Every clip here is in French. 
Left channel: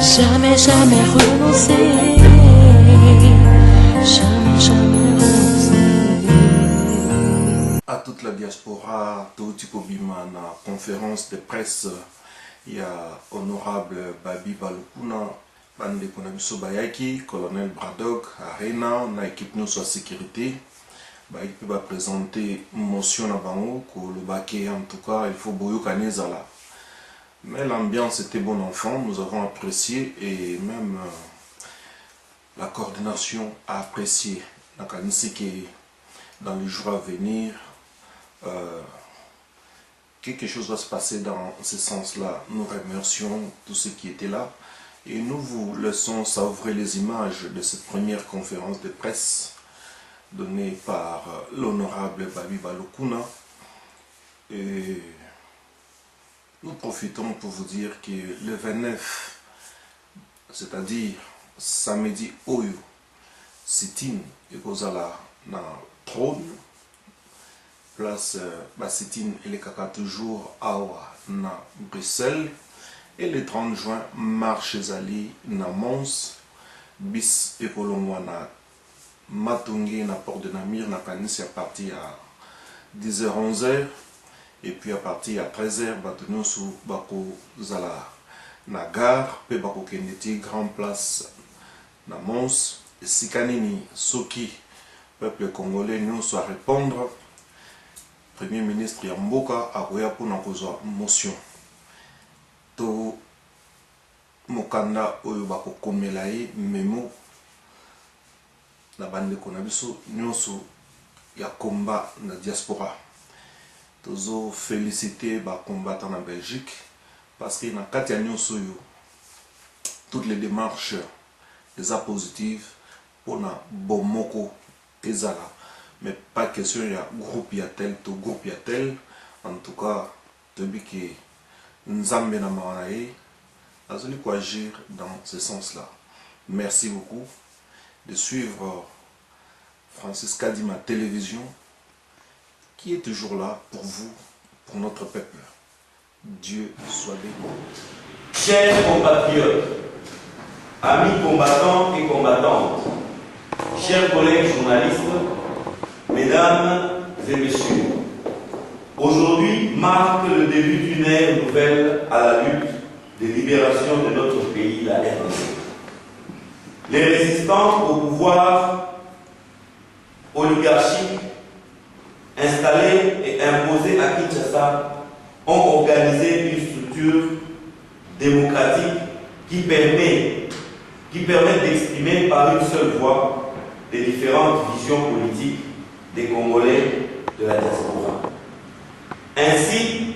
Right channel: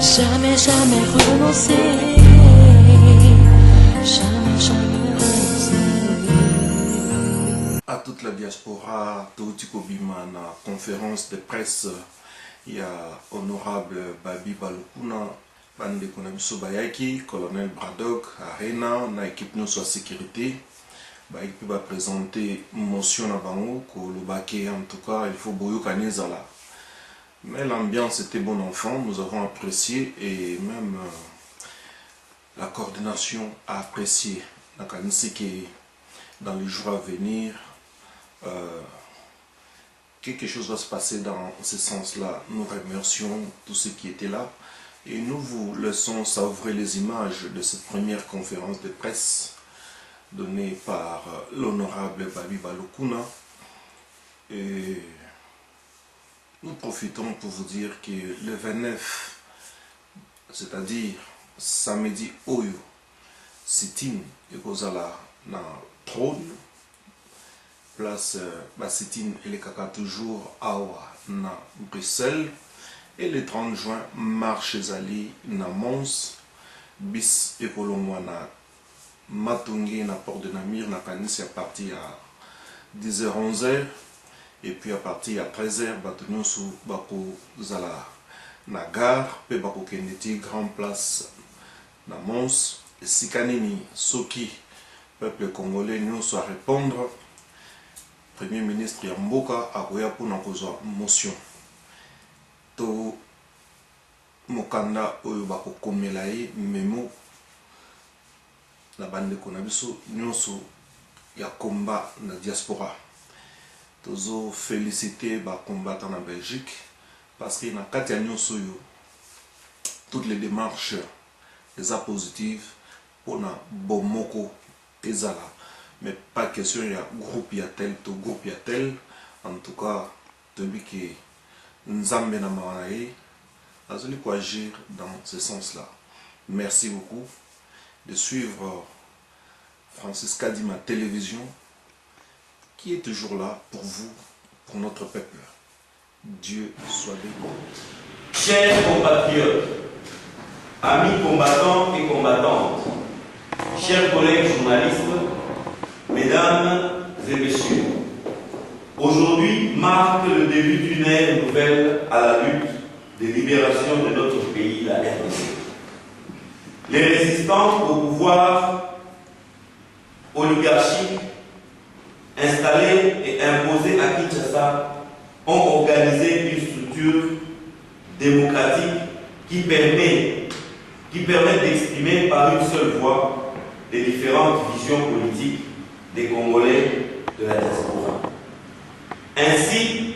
Jamais, jamais renoncer. Jamais, jamais renoncer. À toute la diaspora, tout Bima, na conférence de presse, il y a honorable Babi Balukuna, Bande Konabiso Bayaki, colonel Bradog, Arena, na équipe nous soit sécurité. Bayaki va présenter motion à Bango, que le baquet en tout cas, il faut bouillir Kanezala. Mais l'ambiance était bon enfant, nous avons apprécié et même la coordination a apprécié. Dans les jours à venir, quelque chose va se passer dans ce sens-là. Nous remercions tous ceux qui étaient là et nous vous laissons savourer les images de cette première conférence de presse donnée par l'honorable Babi Balukuna. Et nous profitons pour vous dire que le 29, c'est-à-dire samedi Oyo, sit-in et Kozala na trône, place sit-in et les caca toujours Awa na Bruxelles, et le 30 juin, marche Zali na Mons, bis et Kolongwa na Matungi na Port de Namir, na Kanis à partir à 10h-11h. Et puis à partir à 13h, Batunyo sous Bako Zala na gare, pe Bako Kendeti, Grand Place na Mons, et Sikanini, Soki, peuple congolais, nous soit répondre. Premier ministre Yamboka a Koya pour nous motion. To Mokanda Oyo Bako Komelaye, Memo, la bande de Konabiso, nous sous ya combat na diaspora. Tozo féliciter les combattants en Belgique parce qu'il y a toutes les démarches des positives pour na bomoko ezala, mais pas question il y a groupe il y a tel to groupe il y a tel. En tout cas tobi que nzambe na manae azoli ko agir dans ce sens-là. Merci beaucoup de suivre Francis Kadima Télévision, qui est toujours là pour vous, pour notre peuple. Dieu soit béni. Chers compatriotes, amis combattants et combattantes, chers collègues journalistes, mesdames et messieurs, aujourd'hui marque le début d'une ère nouvelle à la lutte de libération de notre pays, la RDC. Les résistants au pouvoir oligarchique installés et imposés à Kinshasa ont organisé une structure démocratique qui permet d'exprimer par une seule voix les différentes visions politiques des Congolais de la diaspora. Ainsi,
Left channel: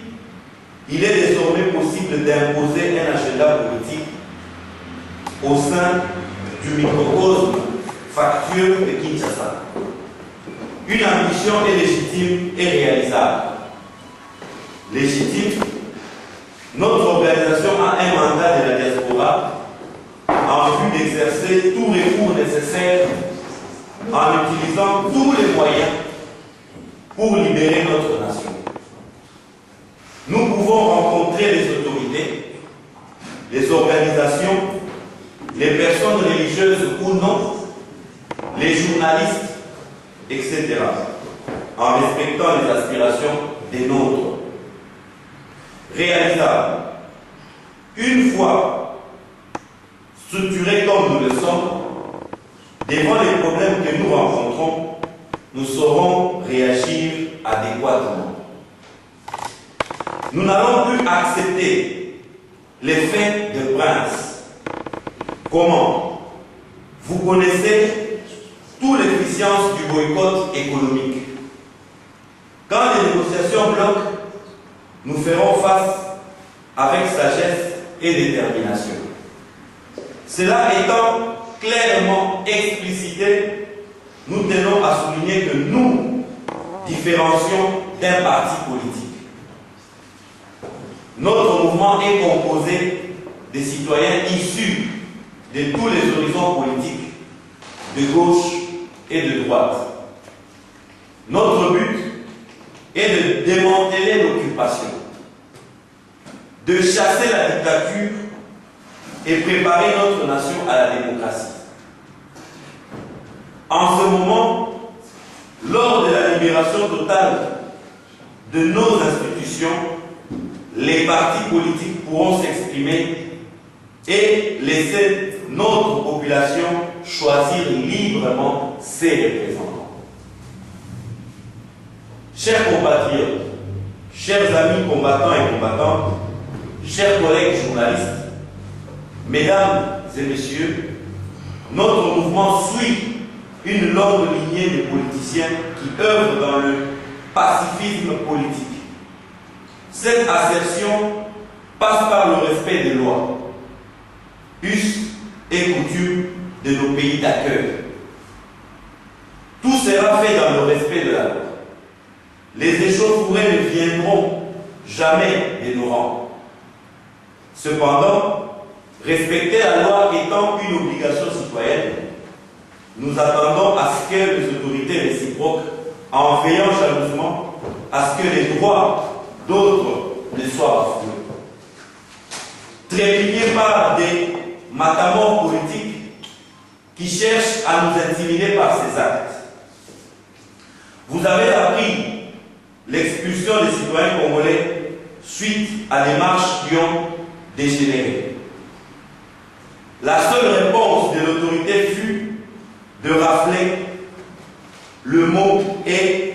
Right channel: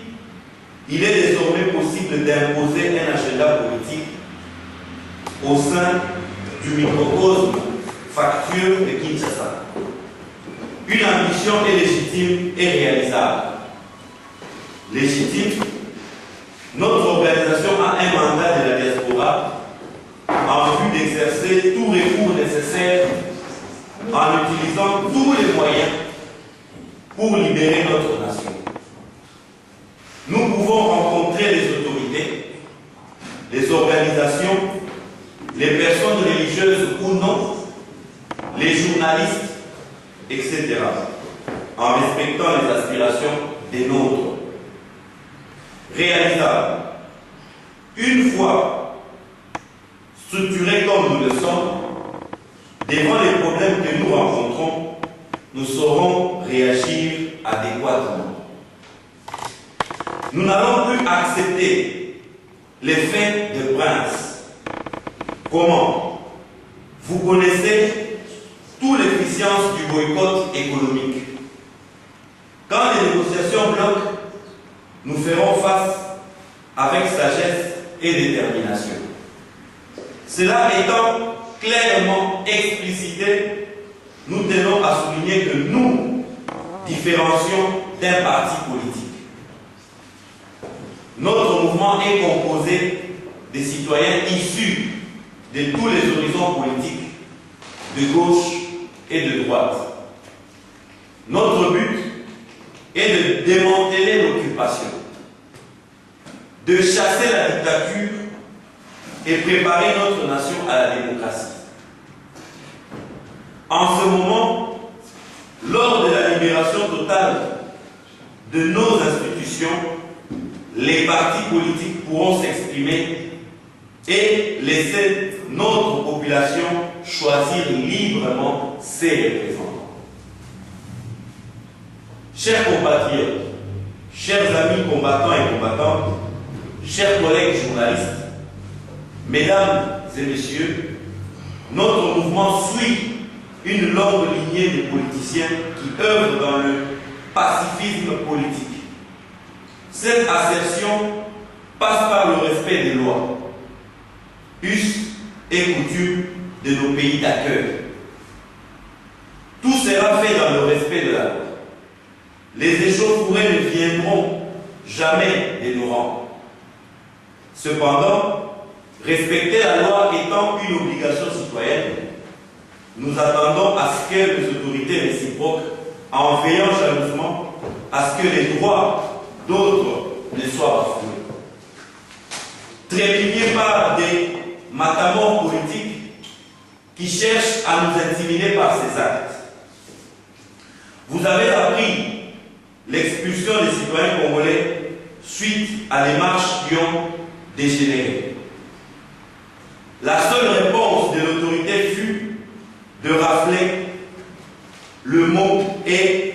il est désormais possible d'imposer un agenda politique au sein du microcosme factueux de Kinshasa. Une ambition est légitime et réalisable. Légitime, notre organisation a un mandat de la diaspora en vue d'exercer tout recours nécessaire en utilisant tous les moyens pour libérer notre nation. Nous pouvons rencontrer les autorités, les organisations, les personnes religieuses ou non, les journalistes, etc., en respectant les aspirations des nôtres. Réalisable. Une fois structurés comme nous le sommes, devant les problèmes que nous rencontrons, nous saurons réagir adéquatement. Nous n'allons plus accepter les faits de prince. Comment? Vous connaissez toute l'efficience du boycott économique. Quand les négociations bloquent, nous ferons face avec sagesse et détermination. Cela étant clairement explicité, nous tenons à souligner que nous différencions d'un parti politique. Notre mouvement est composé des citoyens issus de tous les horizons politiques, de gauche et de droite. Notre but est de démanteler l'occupation, de chasser la dictature et préparer notre nation à la démocratie. En ce moment, lors de la libération totale de nos institutions, les partis politiques pourront s'exprimer et laisser notre population choisir librement ses représentants. Chers compatriotes, chers amis combattants et combattantes, chers collègues journalistes, mesdames et messieurs, notre mouvement suit une longue lignée de politiciens qui œuvrent dans le pacifisme politique. Cette assertion passe par le respect des lois, us et coutumes de nos pays d'accueil. Tout sera fait dans le respect de la loi. Les échauffourées ne viendront jamais de nos rangs. Cependant, respecter la loi étant une obligation citoyenne, nous attendons à ce que les autorités réciproques, en veillant jalousement à ce que les droits d'autres ne soient bafoués. Trépignés par des matamors politiques qui cherchent à nous intimider par ces actes. Vous avez appris l'expulsion des citoyens congolais suite à des marches qui ont dégénéré. La seule réponse de l'autorité fut de rafler le mot est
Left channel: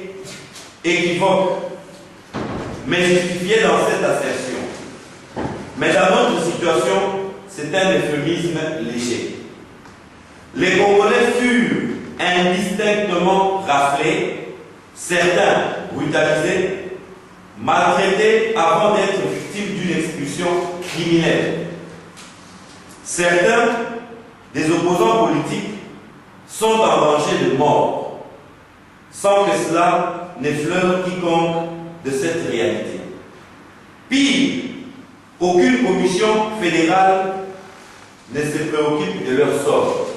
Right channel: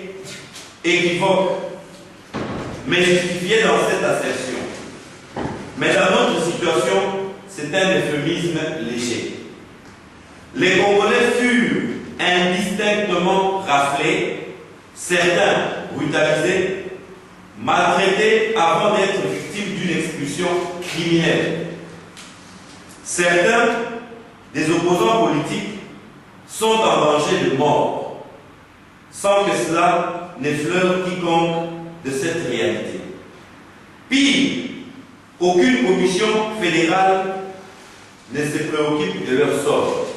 équivoque, mais justifié dans cette assertion. Mais dans notre situation, c'est un euphémisme léger. Les Congolais furent indistinctement raflés, certains brutalisés, maltraités avant d'être victimes d'une expulsion criminelle. Certains des opposants politiques sont en danger de mort, sans que cela n'effleure quiconque de cette réalité. Pire, aucune commission fédérale ne se préoccupe de leur sort.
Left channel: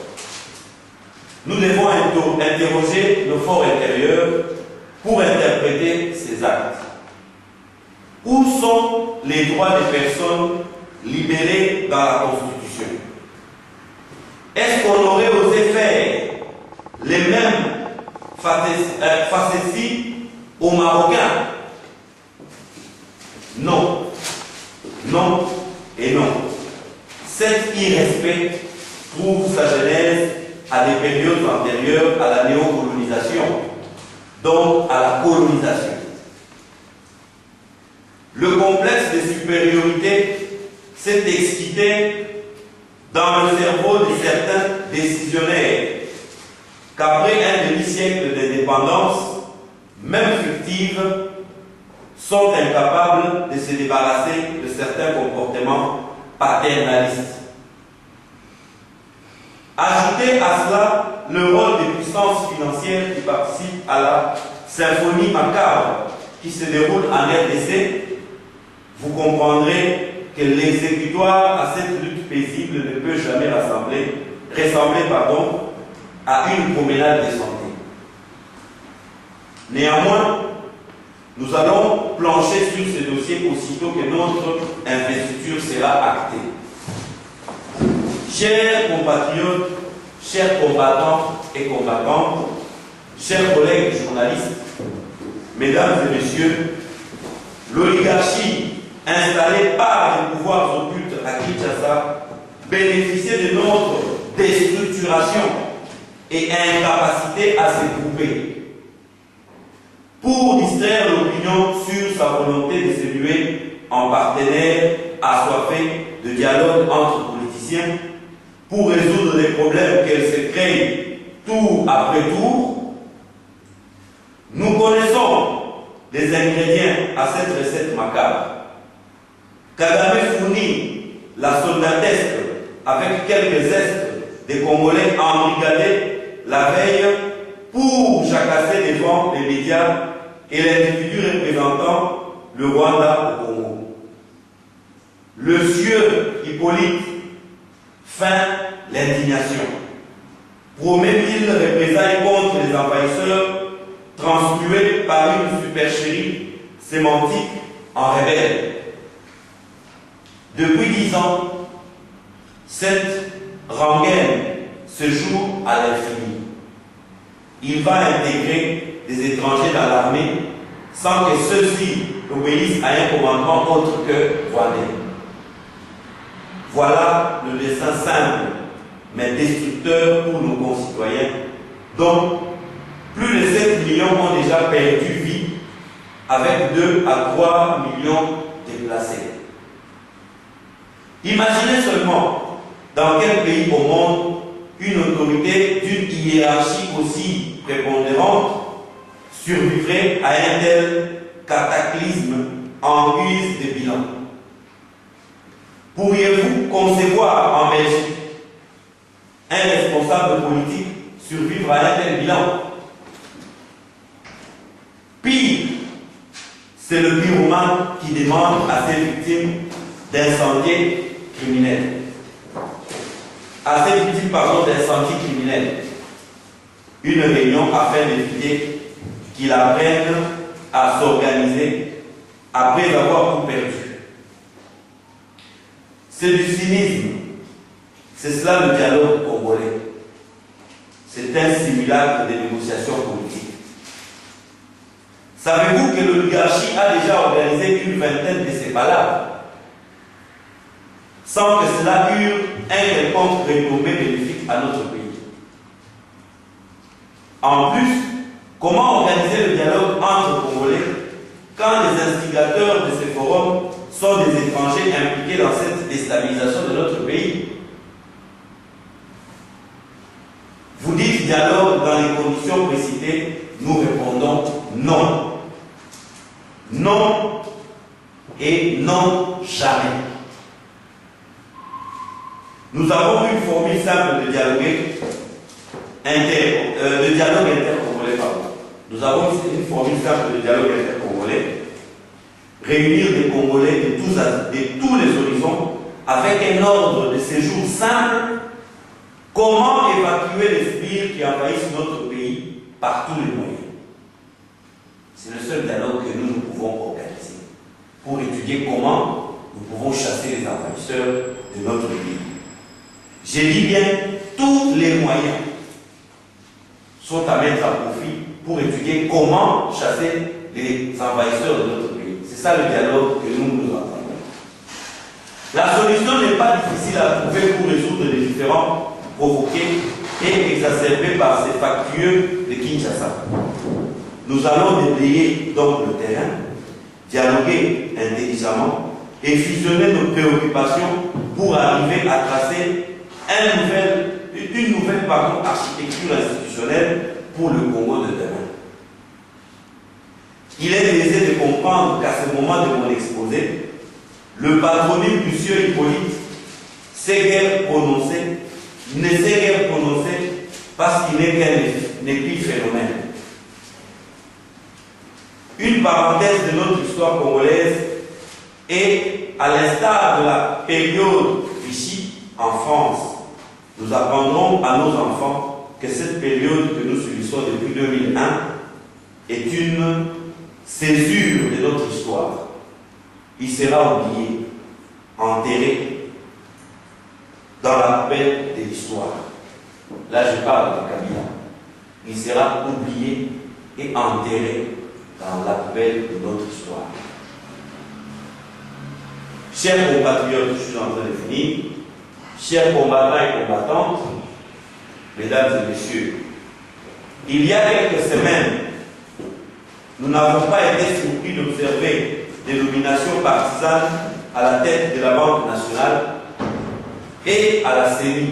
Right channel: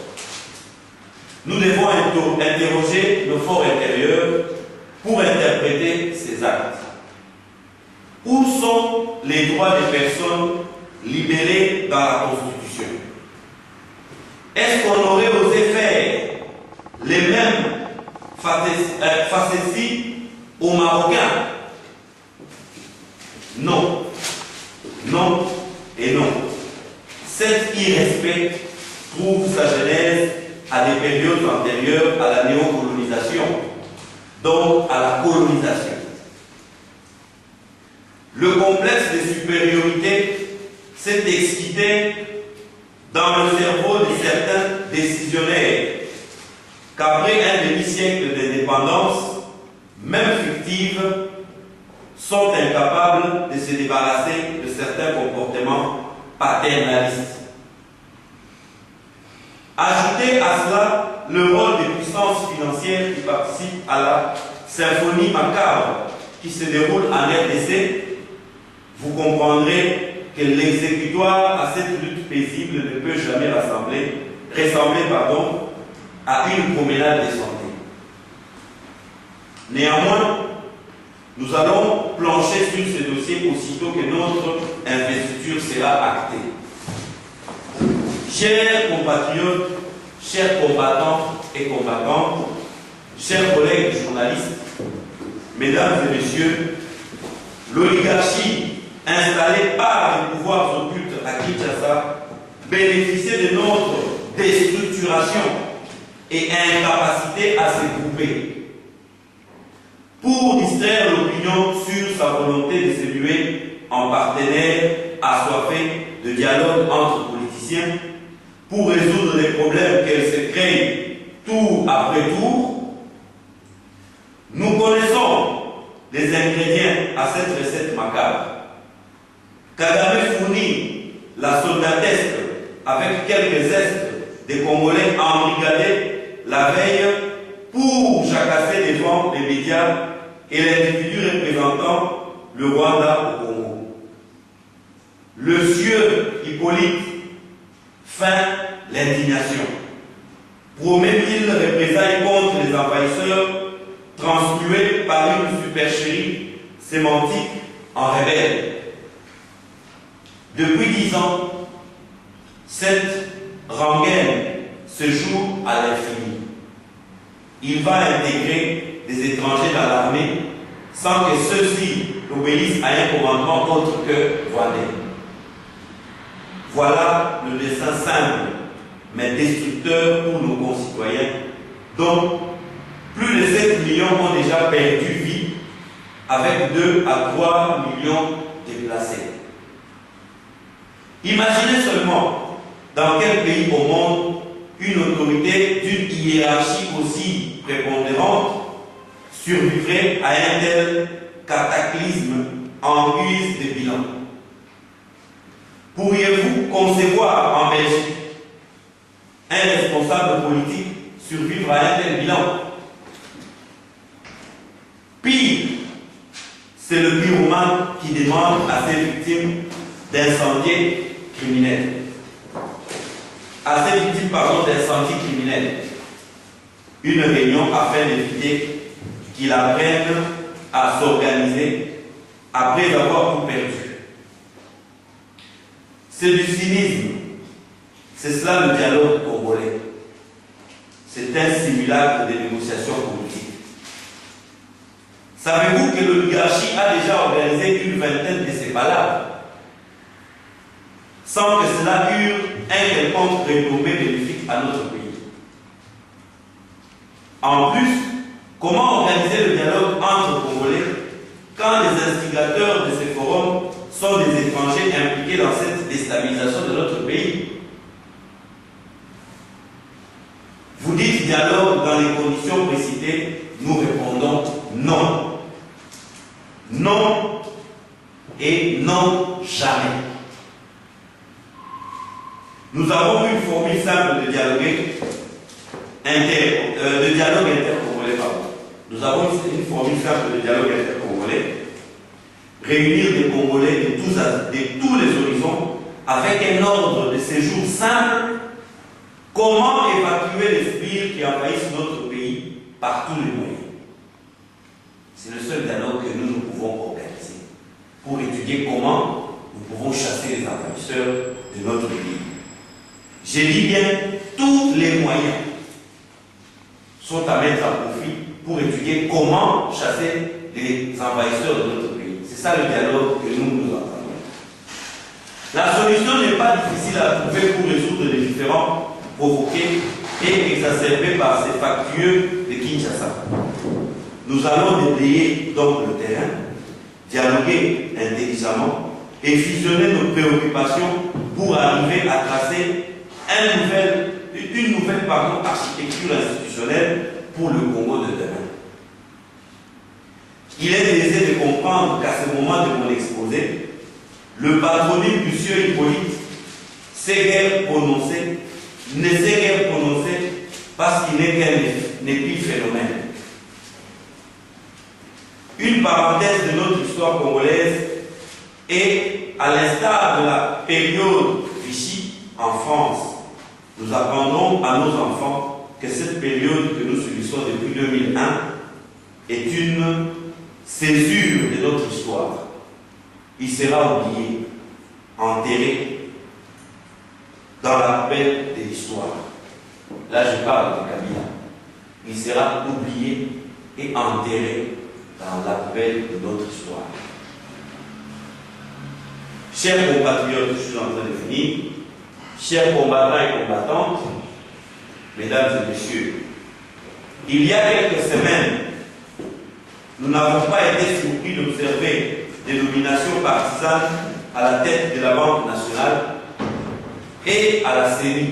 Nous devons interroger nos forts intérieurs pour interpréter ces actes. Où sont les droits des personnes libérées dans la Constitution? Est-ce qu'on aurait osé faire les mêmes facéties aux Marocains? Non. Non et non. Cet irrespect trouve sa genèse à des périodes antérieures à la néocolonisation, donc à la colonisation. Le complexe de supériorité s'est excité dans le cerveau de certains décisionnaires qu'après un demi-siècle d'indépendance, même fictive, sont incapables de se débarrasser de certains comportements paternalistes. Ajoutez à cela le rôle des puissances financières qui participent à la symphonie macabre qui se déroule en RDC, vous comprendrez que l'exécutoire à cette lutte paisible ne peut jamais ressembler à une promenade de santé. Néanmoins, nous allons plancher sur ce dossier aussitôt que notre investiture sera actée. Chers compatriotes, chers combattants et combattantes, chers collègues journalistes, mesdames et messieurs, l'oligarchie installée par les pouvoirs occultes à Kinshasa bénéficiait de notre déstructuration et incapacité à se grouper pour distraire l'opinion sur sa volonté de se muer en partenaire assoiffé de dialogue entre politiciens pour résoudre les problèmes qu'elle se crée tour après tour. Nous connaissons les ingrédients à cette recette macabre. Kagame fournit la soldatesque avec quelques zestes des Congolais embrigadés la veille pour jacasser devant les médias et l'individu représentant le Rwanda au Congo. Le sieur Hippolyte feint l'indignation, promet mille représailles contre les envahisseurs transmués par une supercherie sémantique en rebelle. Depuis 10 ans, cette rengaine se joue à l'infini. Il va intégrer des étrangers dans l'armée sans que ceux-ci obéissent à un commandement autre que rwandais. Voilà le dessin simple mais destructeur pour nos concitoyens, dont plus de 7 millions ont déjà perdu vie, avec 2 à 3 millions déplacés. Imaginez seulement dans quel pays au monde une autorité d'une hiérarchie aussi prépondérante survivrait à un tel cataclysme en guise de bilan. Pourriez-vous concevoir en Belgique un responsable politique survivre à un tel bilan? Pire, c'est le pyromane qui demande à ses victimes d'incendies criminels. À ses victimes, d'incendies criminels. Une réunion afin d'éviter qu'il apprenne à s'organiser après avoir tout perdu. C'est du cynisme. C'est cela le dialogue congolais. C'est un simulacre de négociation politique. Savez-vous que l'oligarchie a déjà organisé une vingtaine de ces balades sans que cela eût un quelconque retombé bénéfique à notre pays? En plus, comment organiser le dialogue entre Congolais quand les instigateurs de ces forums sont des étrangers impliqués dans cette déstabilisation de notre pays? Vous dites dialogue dans les conditions précitées, nous répondons non. Non et non jamais. Nous avons une formule simple de dialogue intercongolais. Nous avons une formule simple de dialogue intercongolais. Réunir des Congolais de tous les horizons avec un ordre de séjour simple. Comment évacuer les sbires qui envahissent notre pays par tous les moyens? C'est le seul dialogue que nous pouvons organiser pour étudier comment nous pouvons chasser les envahisseurs de notre pays. J'ai dit bien, tous les moyens sont à mettre à profit pour étudier comment chasser les envahisseurs de notre pays. C'est ça le dialogue que nous entendons. La solution n'est pas difficile à trouver pour résoudre les différends provoqués et exacerbés par ces factueux de Kinshasa. Nous allons déblayer donc le terrain, dialoguer intelligemment et fusionner nos préoccupations pour arriver à tracer une nouvelle architecture institutionnelle pour le Congo de demain. Il est aisé de comprendre qu'à ce moment de mon exposé, le patronyme du sieur Hippolyte ne s'est guère prononcé parce qu'il n'est qu'un épiphénomène. Une parenthèse de notre histoire congolaise et à l'instar de la période Vichy en France, nous apprendrons à nos enfants que cette période que nous subissons depuis 2001 est une césure de notre histoire. Il sera oublié, enterré dans la poubelle de l'histoire. Là, je parle de Kabila. Il sera oublié et enterré dans la poubelle de notre histoire. Chers compatriotes, je suis en train de finir. Chers combattants et combattantes, mesdames et messieurs, il y a quelques semaines, nous n'avons pas été surpris d'observer des nominations partisanes à la tête de la Banque nationale et à la CENI,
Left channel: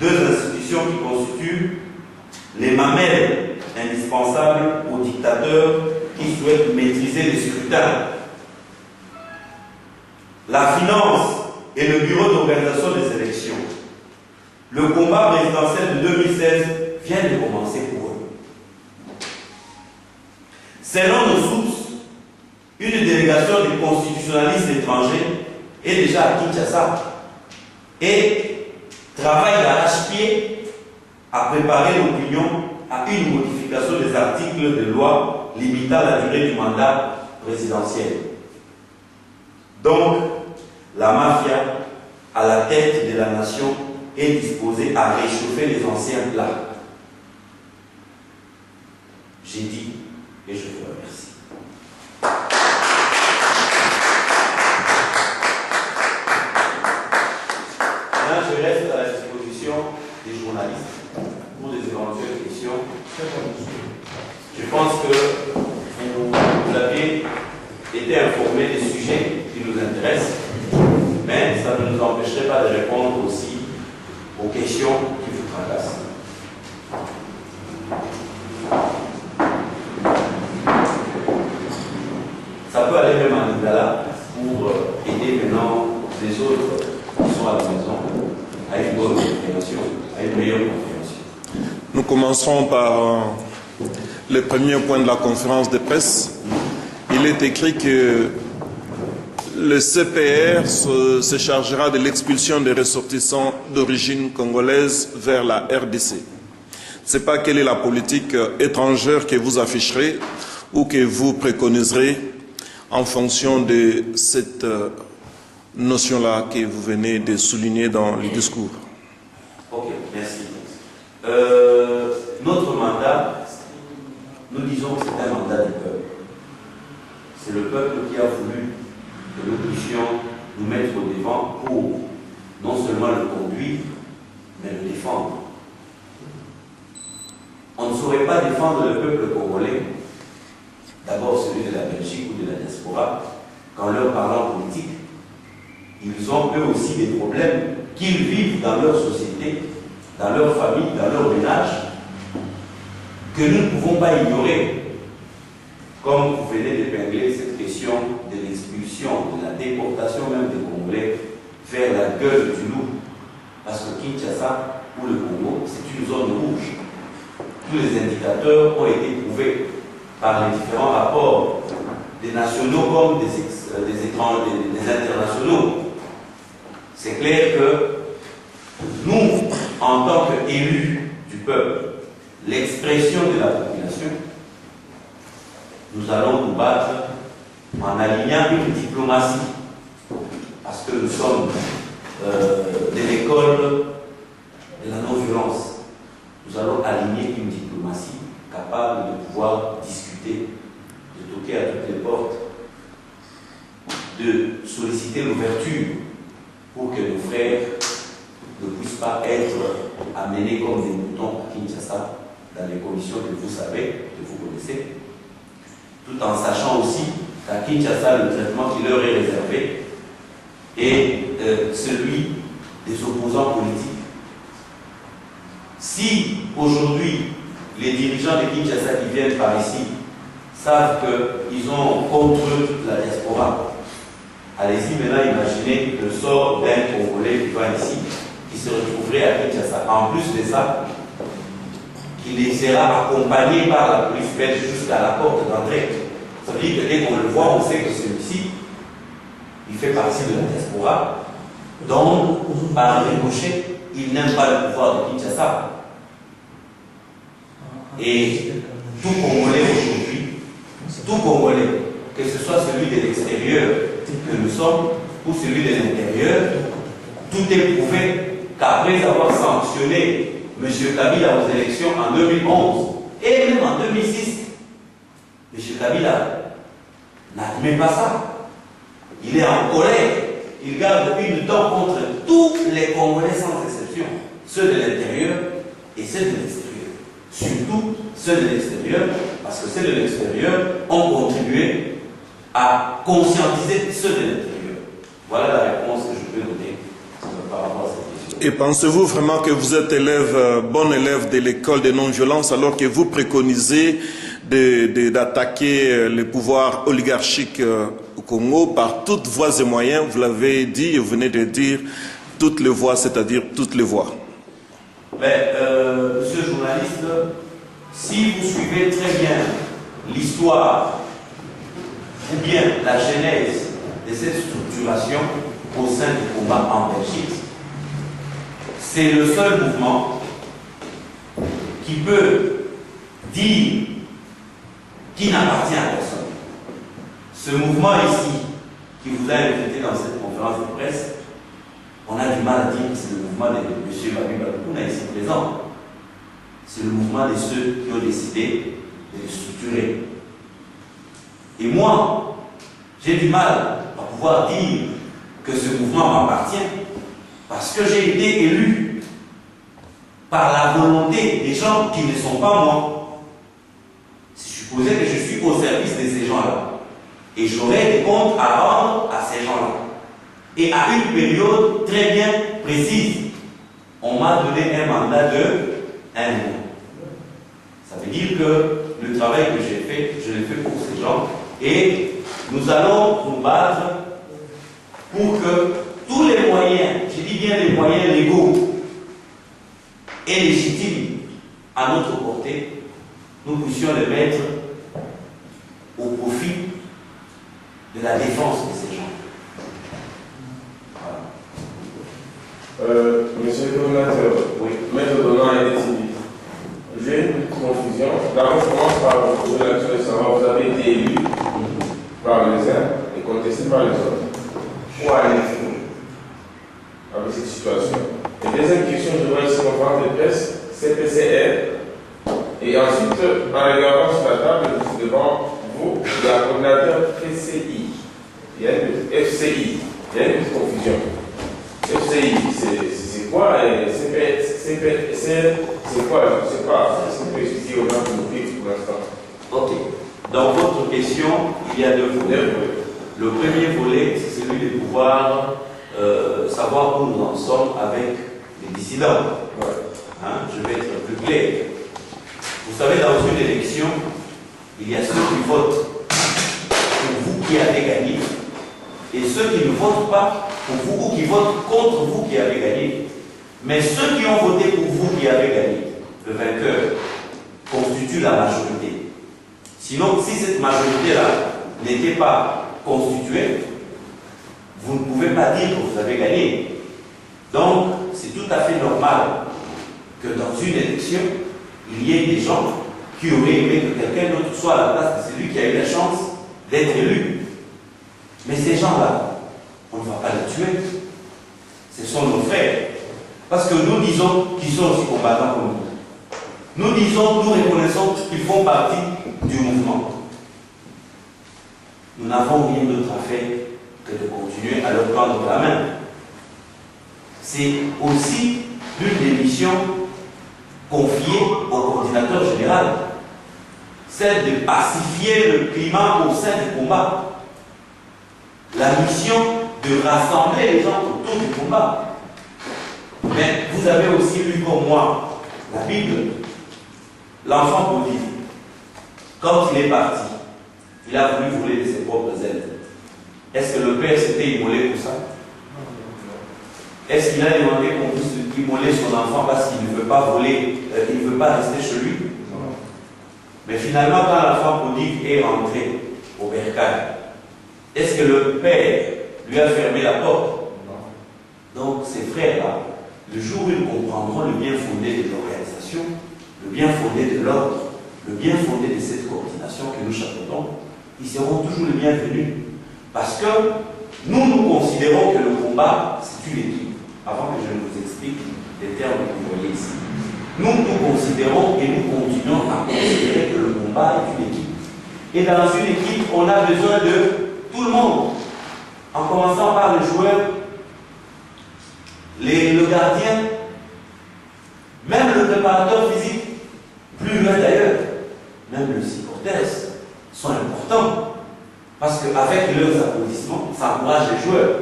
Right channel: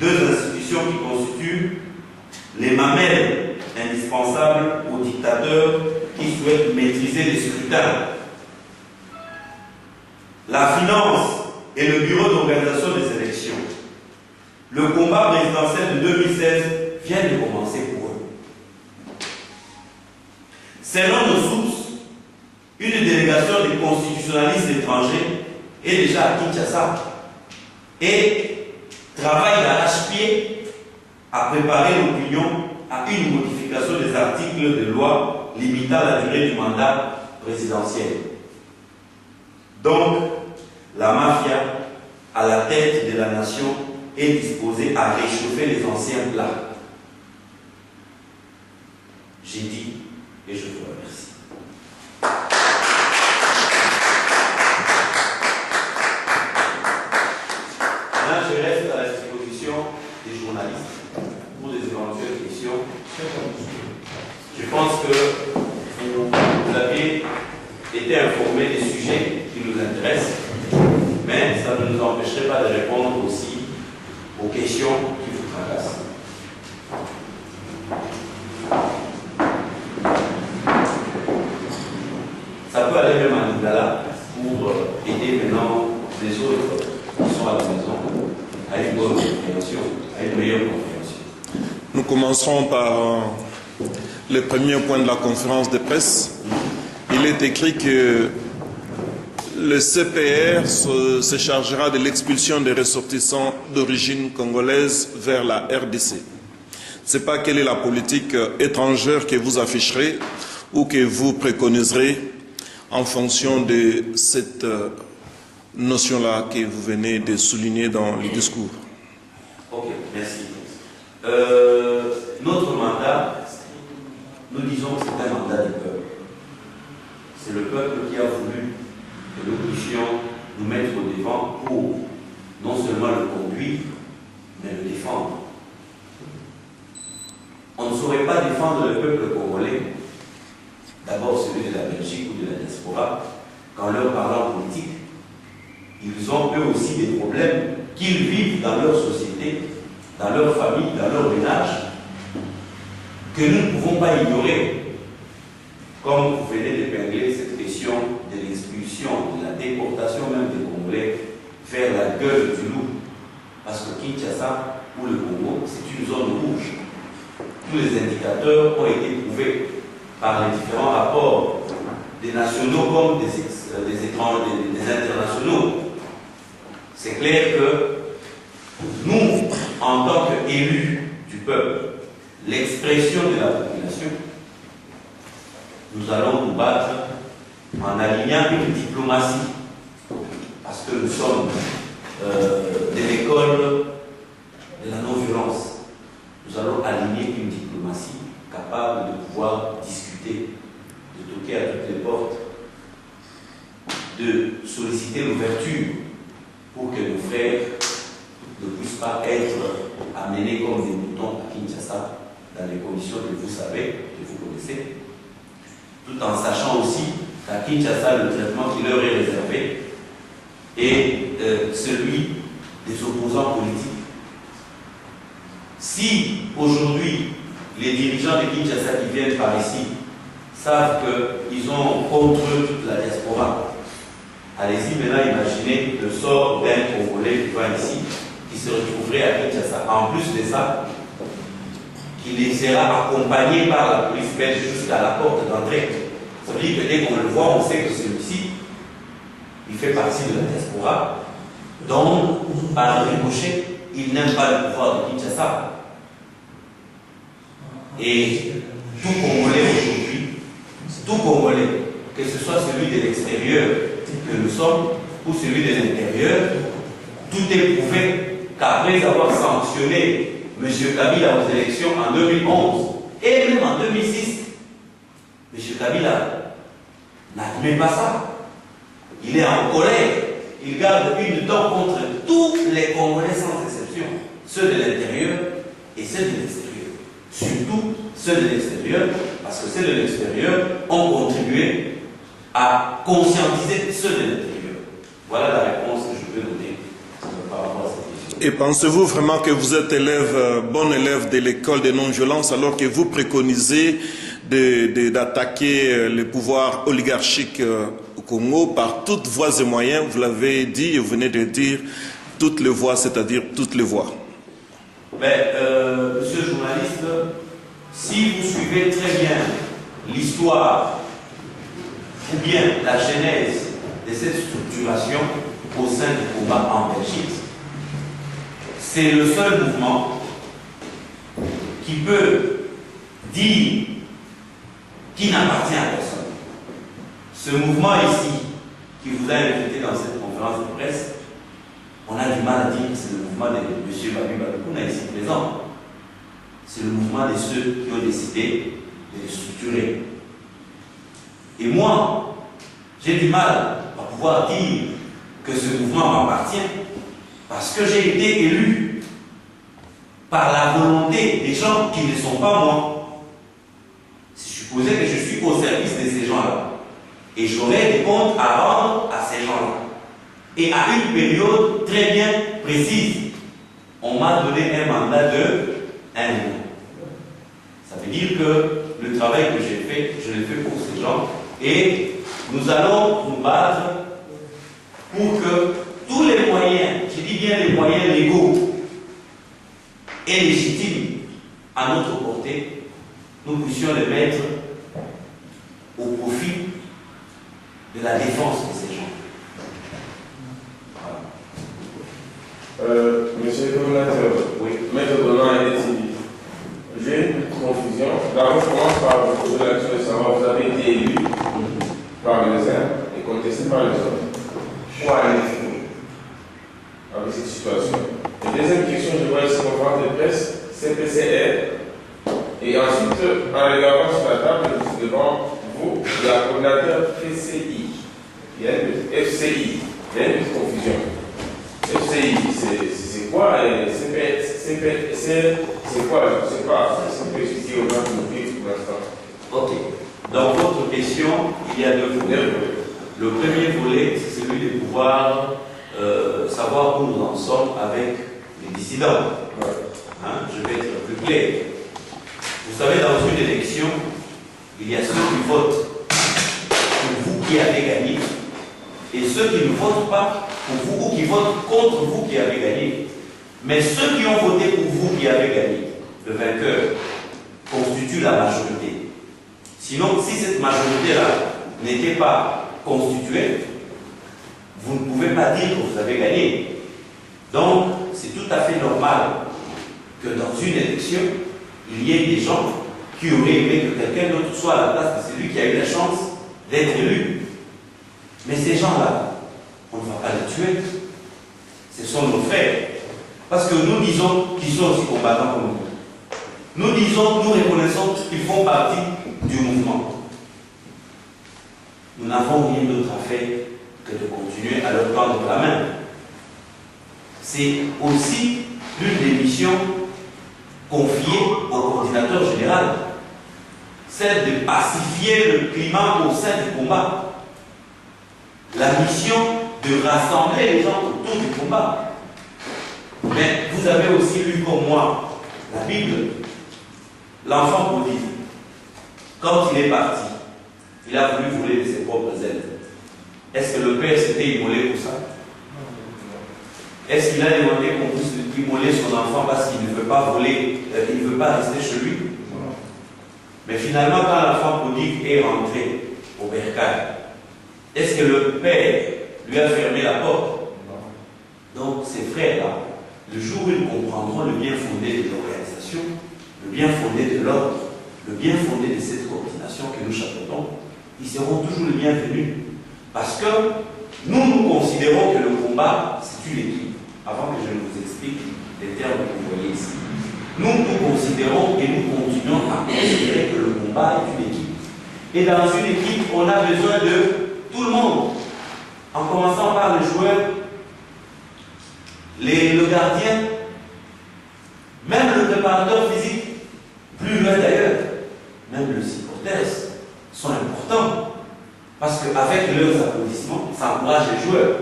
deux institutions qui constituent les mamelles indispensables aux dictateurs qui souhaitent maîtriser les scrutins. La finance et le bureau d'organisation des élections. Le combat présidentiel de 2016 vient de commencer pour eux. Selon nos sources, une délégation de constitutionnalistes étrangers est déjà à Kinshasa et travaille d'arrache-pied à préparer l'opinion à une modification des articles de loi limitant la durée du mandat présidentiel. Donc, la mafia à la tête de la nation est disposé à réchauffer les anciens plats. J'ai dit et je vous remercie. Là, je reste à la disposition des journalistes pour des éventuelles questions. Je pense que vous avez été informés des sujets qui nous intéressent, mais ça ne nous empêcherait pas de répondre aussi aux questions qui vous tracassent. Ça peut aller même à Nigala pour aider maintenant les autres qui sont à la maison à une bonne compréhension, à une meilleure compréhension. Nous commencerons par le premier point de la conférence de presse. Il est écrit que le CPR se chargera de l'expulsion des ressortissants d'origine congolaise vers la RDC. Je ne sais pas quelle est la politique étrangère que vous afficherez ou que vous préconiserez en fonction de cette notion-là que vous venez de souligner dans le discours. Ok, merci. Notre mandat, nous disons que c'est un mandat du peuple. C'est le peuple qui a voulu que nous puissions nous mettre au devant pour non seulement le conduire, mais le défendre. On ne saurait pas défendre le peuple congolais, d'abord celui de la Belgique ou de la diaspora, qu'en leur parlant politique, ils ont eux aussi des problèmes qu'ils vivent dans leur société, dans leur famille, dans leur ménage, que nous ne pouvons pas ignorer. Comme vous venez d'épingler cette question de l'expulsion, de la déportation même des Congolais vers la gueule du loup. Parce que Kinshasa ou le Congo, c'est une zone rouge. Tous les indicateurs ont été prouvés par les différents rapports des nationaux comme des internationaux. C'est clair que nous, en tant qu'élus du peuple, l'expression de la population, nous allons nous battre en alignant une diplomatie, parce que nous sommes de l'école de la non-violence. Nous allons aligner une diplomatie capable de pouvoir discuter, de toquer à toutes les portes, de solliciter l'ouverture pour que nos frères ne puissent pas être amenés comme des moutons à Kinshasa dans les conditions que vous savez, que vous connaissez, tout en sachant aussi qu'à Kinshasa, le traitement qui leur est réservé est celui des opposants politiques. Si aujourd'hui, les dirigeants de Kinshasa qui viennent par ici savent qu'ils ont contre eux toute la diaspora, allez-y maintenant imaginez le sort d'un Congolais qui va ici, qui se retrouverait à Kinshasa. En plus de ça, qu'il sera accompagné par la police belge jusqu'à la porte d'entrée. Ça veut dire que dès qu'on le voit, on sait que celui-ci, il fait partie de la diaspora. Donc, par ricochet, il n'aime pas le pouvoir de Kinshasa. Et tout Congolais aujourd'hui, tout Congolais, que ce soit celui de l'extérieur que nous sommes ou celui de l'intérieur, tout est prouvé qu'après avoir sanctionné M. Kabila aux élections en 2011 et même en 2006, M. Kabila n'admet pas ça. Il est en colère. Il garde une dent contre tous les Congolais sans exception, ceux de l'intérieur et ceux de l'extérieur. Surtout ceux de l'extérieur, parce que ceux de l'extérieur ont contribué à conscientiser ceux de l'intérieur. Voilà la réponse que je peux donner par rapport à cette question. Et pensez-vous vraiment que vous êtes bon élève de l'école de non-violence alors que vous préconisez d'attaquer le pouvoir oligarchique au Congo par toutes voies et moyens? Vous l'avez dit et vous venez de dire toutes les voies, c'est-à-dire toutes les voies. Monsieur le journaliste, si vous suivez très bien l'histoire ou bien la genèse de cette structuration au sein du combat en Belgique, c'est le seul mouvement qui peut dire qui n'appartient à personne. Ce mouvement ici, qui vous a invité dans cette conférence de presse, on a mal à dire que c'est le mouvement de M. Babi Baloukouna ici présent. C'est le mouvement de ceux qui ont décidé de le structurer. Et moi, j'ai du mal à pouvoir dire que ce mouvement m'appartient parce que j'ai été élu par la volonté des gens qui ne sont pas moi. C'est supposé que je suis au service de ces gens-là. Et j'aurai des comptes à rendre à ces gens-là. Et à une période très bien précise, on m'a donné un mandat de 1 mois. Ça veut dire que le travail que j'ai fait, je l'ai fait pour ces gens. Et nous allons nous battre pour que tous les moyens, je dis bien les moyens légaux et légitimes à notre portée, nous puissions les mettre au profit de la défense de ces gens. Monsieur le coordinateur, Oui. maître Donat et Détini, j'ai une petite confusion. D'abord, je commence par vous poser la question de savoir, vous avez été élu par les uns et contesté par les autres. Où allez-vous avec cette situation? Et deuxième question, je vois ici conférence de presse, CPCR. Et ensuite, en regardant sur la table, devant vous, il y a un coordinateur PCI. Il y a une petite FCI. Il y a une petite confusion. FCI, c'est quoi? C'est quoi? Je ne sais pas. Est-ce que vous pouvez expliquer aux gens qui nous suivent pour l'instant? Ok. Dans votre question, il y a 2 volets. Le premier volet, c'est celui de pouvoir savoir où nous en sommes avec les dissidents. Ouais. Hein, je vais être plus clair. Vous savez, dans une élection, il y a ceux qui votent pour vous qui avez gagné et ceux qui ne votent pas pour vous ou qui votent contre vous qui avez gagné. Mais ceux qui ont voté pour vous qui avez gagné, le vainqueur, constitue la majorité. Sinon, si cette majorité-là n'était pas constituée, vous ne pouvez pas dire que vous avez gagné. Donc, c'est tout à fait normal que dans une élection, il y ait des gens qui auraient aimé que quelqu'un d'autre soit à la place de celui qui a eu la chance d'être élu. Mais ces gens-là, on ne va pas les tuer. Ce sont nos frères. Parce que nous disons qu'ils sont aussi combattants comme nous. Nous disons, nous reconnaissons qu'ils font partie du mouvement. Nous n'avons rien d'autre à faire que de continuer à leur tendre la main. C'est aussi l'une des missions confiées au coordinateur général, celle de pacifier le climat au sein du combat. La mission de rassembler les gens autour du combat. Mais vous avez aussi lu comme moi la Bible. L'enfant prodigue, quand il est parti, il a voulu voler de ses propres ailes. Est-ce que le père s'était immolé pour ça? Est-ce qu'il a demandé qu'on puisse immoler son enfant parce qu'il ne veut pas voler, il ne veut pas rester chez lui? Mais finalement, quand l'enfant prodigue est rentré au bercail, est-ce que le père lui a fermé la porte? Donc ces frères-là, le jour où ils comprendront le bien fondé de l'organisation, le bien fondé de l'ordre, le bien fondé de cette coordination que nous chapeautons, ils seront toujours les bienvenus. Parce que nous considérons que le combat, c'est une équipe. Avant que je ne vous explique les termes que vous voyez ici. Nous considérons et nous continuons à considérer que le combat est une équipe. Et dans une équipe, on a besoin de tout le monde. En commençant par les joueurs, le gardien, même le préparateur physique, plus loin d'ailleurs, même le supporters sont importants. Parce qu'avec leurs applaudissements, ça encourage les joueurs.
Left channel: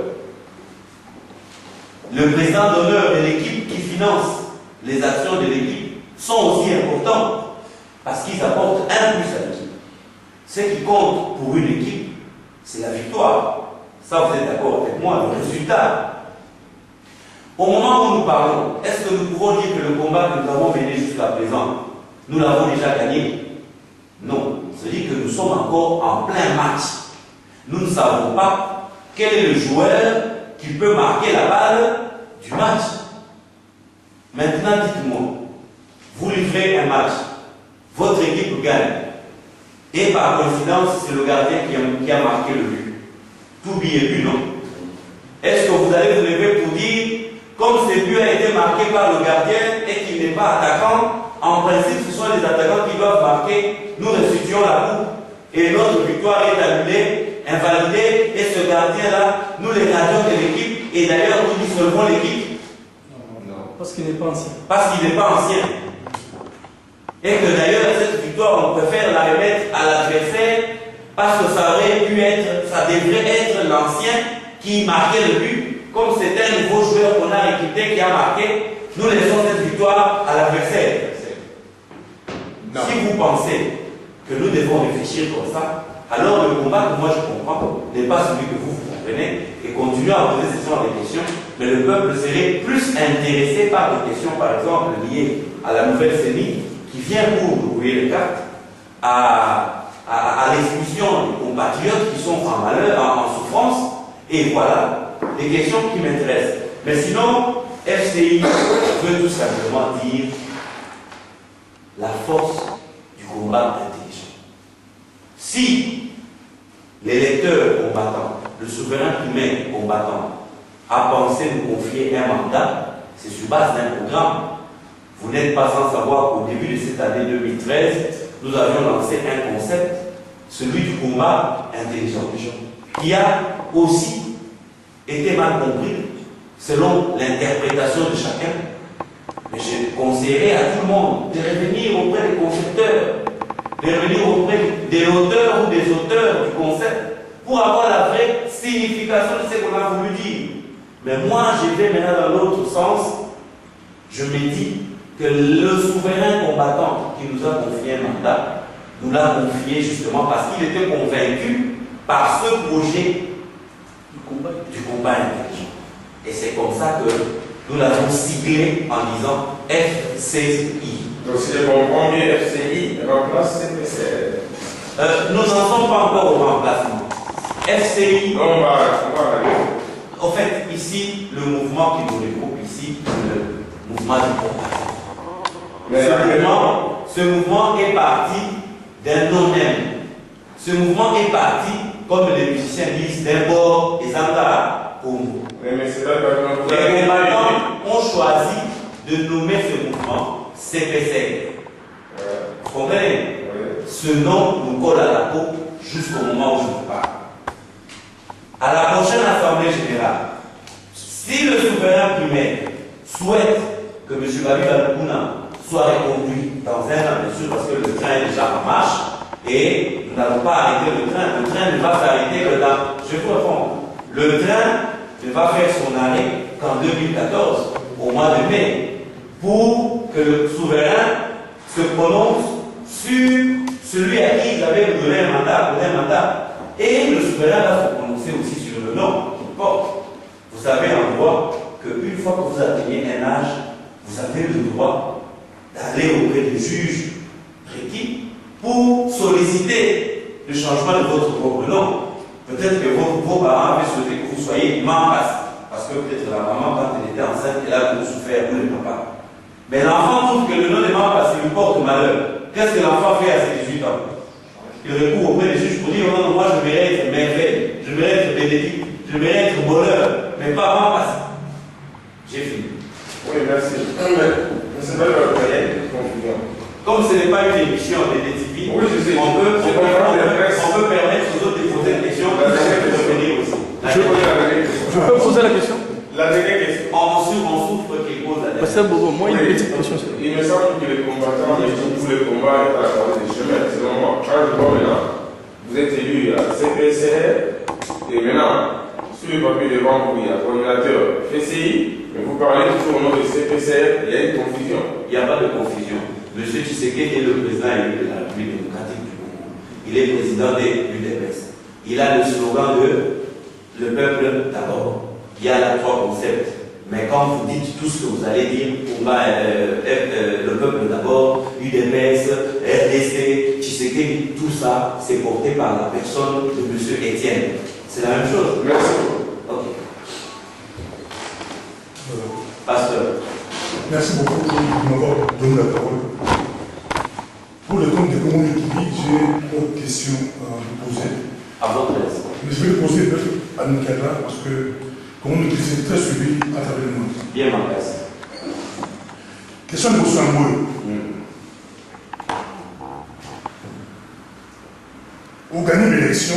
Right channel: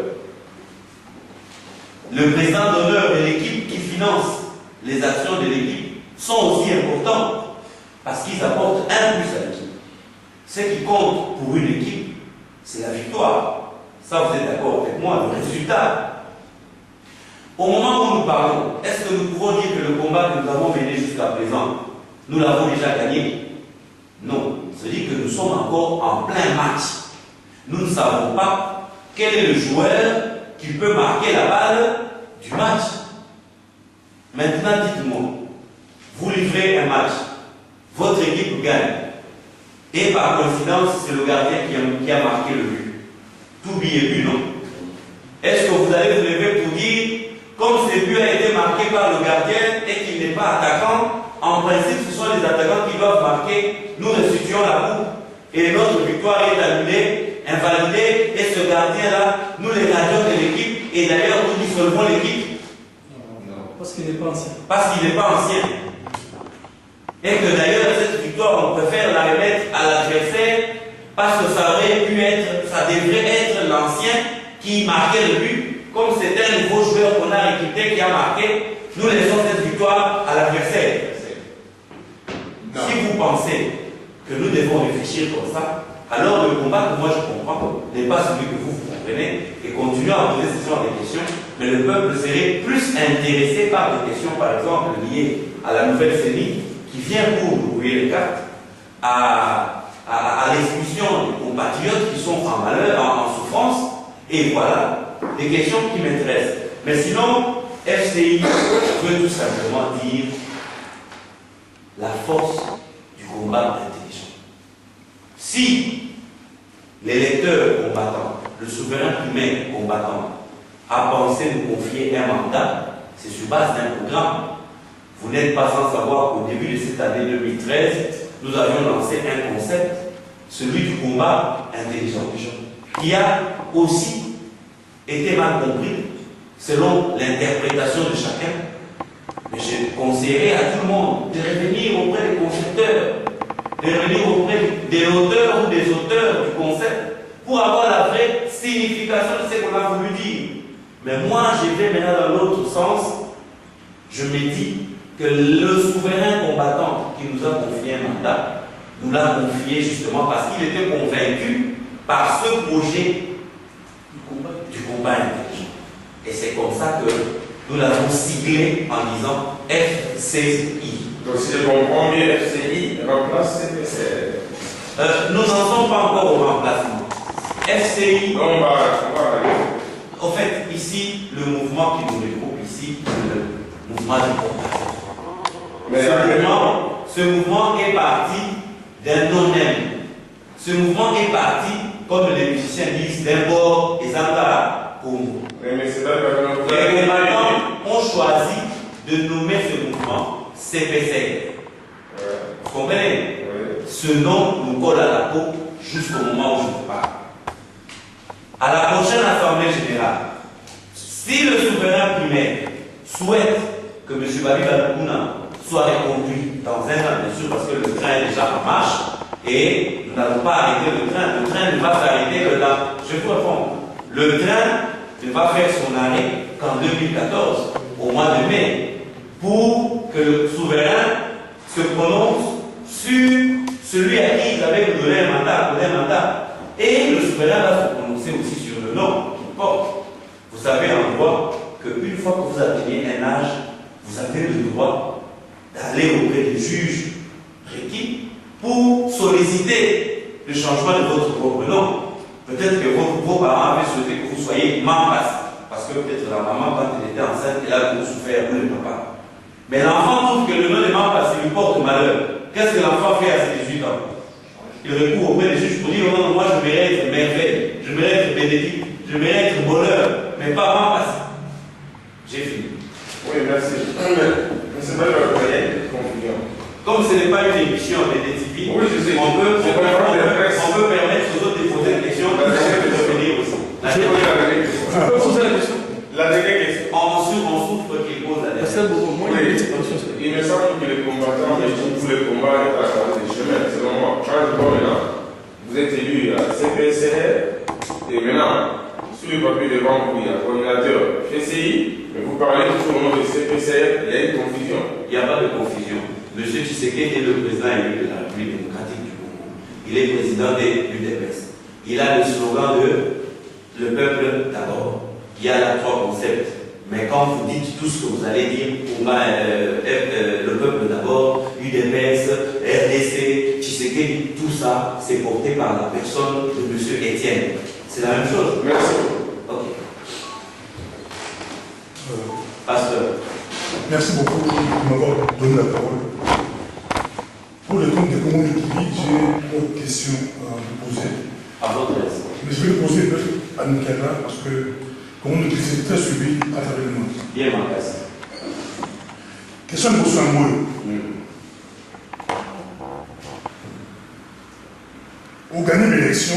Le président d'honneur de l'équipe qui finance les actions de l'équipe sont aussi importants parce qu'ils apportent un plus à l'équipe. Ce qui compte pour une équipe, c'est la victoire. Ça, vous êtes d'accord avec moi, le résultat. Au moment où nous parlons, est-ce que nous pouvons dire que le combat que nous avons mené jusqu'à présent, nous l'avons déjà gagné? Non. C'est-à-dire que nous sommes encore en plein match. Nous ne savons pas quel est le joueur qui peut marquer la balle du match. Maintenant, dites-moi, vous livrez un match, votre équipe gagne, et par coïncidence, c'est le gardien qui a marqué le but. Tout billet but, non? Est-ce que vous allez vous lever pour dire ces buts a été marqué par le gardien et qu'il n'est pas attaquant, en principe, ce sont les attaquants qui doivent marquer. Nous restituons la coupe et notre victoire est annulée, invalidée, et ce gardien-là, nous les gardiens de l'équipe, et d'ailleurs nous dissolvons l'équipe. Non. Parce qu'il n'est pas ancien. Parce qu'il n'est pas ancien. Et que d'ailleurs, cette victoire, on préfère la remettre à l'adversaire parce que ça aurait pu être, ça devrait être l'ancien qui marquait le but. Comme c'est un nouveau joueur qu'on a recruté qui a marqué, nous laissons cette victoire à l'adversaire. Si vous pensez que nous devons réfléchir comme ça, alors le combat que moi je comprends n'est pas celui que vous comprenez et continuez à poser ce genre de questions, mais le peuple serait plus intéressé par des questions, par exemple, liées à la nouvelle CENI qui vient pour ouvrir les cartes à l'expulsion des compatriotes qui sont en malheur, en souffrance, et voilà, des questions qui m'intéressent. Mais sinon, FCI veut tout simplement dire la force du combat intelligent. Si l'électeur combattant, le souverain primaire combattant, a pensé nous confier un mandat, c'est sur base d'un programme. Vous n'êtes pas sans savoir qu'au début de cette année 2013, nous avions lancé un concept, celui du combat intelligent, qui a aussi été mal compris selon l'interprétation de chacun. Mais je conseillerais à tout le monde de revenir auprès des concepteurs, de revenir auprès des auteurs ou des auteurs du concept pour avoir la vraie signification de ce qu'on a voulu dire. Mais moi, je vais maintenant dans l'autre sens. Je me dis que le souverain combattant qui nous a confié un mandat, nous l'a confié justement parce qu'il était convaincu par ce projet du combat intelligent. Et c'est comme ça que nous l'avons siglé en disant FCI. Donc si je comprends bien, FCI remplace CPCR. Nous n'en sommes pas encore au remplacement. FCI. On va En fait, ici, le mouvement qui nous regroupe ici, le mouvement du combat. Ce mouvement est parti d'un non-même. Ce mouvement est parti, comme les musiciens disent, d'un bord et Zanga Congo. Mais c'est pas que les combattants ont choisi de nommer ce mouvement CPCR. Vous comprenez? Ce nom nous colle à la peau jusqu'au moment où je vous parle. À la prochaine Assemblée générale, si le souverain primaire souhaite que M. Babi Baloukuna soit reconduit dans un an, bien sûr, parce que le train est déjà en marche, et nous n'allons pas arrêter le train. Le train ne va s'arrêter que dans... Je vous réponds. Le train ne va faire son arrêt qu'en 2014, au mois de mai, pour que le souverain se prononce sur celui à qui il avait donné un mandat. Et le souverain va se prononcer aussi sur le nom qu'il porte. Vous savez en droit qu'une fois que vous atteignez un âge, vous avez le droit d'aller auprès du juge requis pour solliciter le changement de votre propre nom. Peut-être que vos parents avaient souhaité que vous soyez Mampas, parce que peut-être la maman, quand elle était enceinte, elle a voulu souffrir, ou le papa. Mais l'enfant trouve que le nom de Mampas lui porte malheur. Qu'est-ce que l'enfant fait à ses 18 ans? Il recourt auprès des juges pour dire non, moi je vais être merveille, je vais être bénédicte, je vais être bonheur, mais pas Mampas. J'ai fini. Oui, merci. Mais c'est pas le projet de confusion. Comme ce n'est pas une émission de DTV, oui, je sais. on peut permettre aux autres de poser des questions pour revenir aussi. Je peux poser la question? La dernière question. On souffre qu'il pose la Parce que moi, il y a une petite question. Il me semble que les combattants et tous les combats à travers des chemins, selon moi. Quand je vois maintenant, vous êtes élu à CPCR, et maintenant, sur le papier devant vous, il y a coordinateur FCI, mais vous parlez toujours au nom de CPCR, il y a une confusion. Il n'y a pas de confusion. M. Tshisekedi est le président élu de la République démocratique du Congo. Il est président de l'UDPS. Il a le slogan de le peuple d'abord. Il y a là 3 concepts. Mais quand vous dites tout ce que vous allez dire, le peuple d'abord, UDPS, RDC, Tshisekedi, tout ça, c'est porté par la personne de M. Etienne. C'est la même chose. Merci. Ok. Pasteur. Merci beaucoup de m'avoir donné la parole. Pour le compte des Congo TV, j'ai une question à vous poser. À votre aise. Mais je vais le poser à Nkela parce que Congo TV est très suivi à travers le monde. Bien Makasi. Question de Boussamboy. Au gagner l'élection,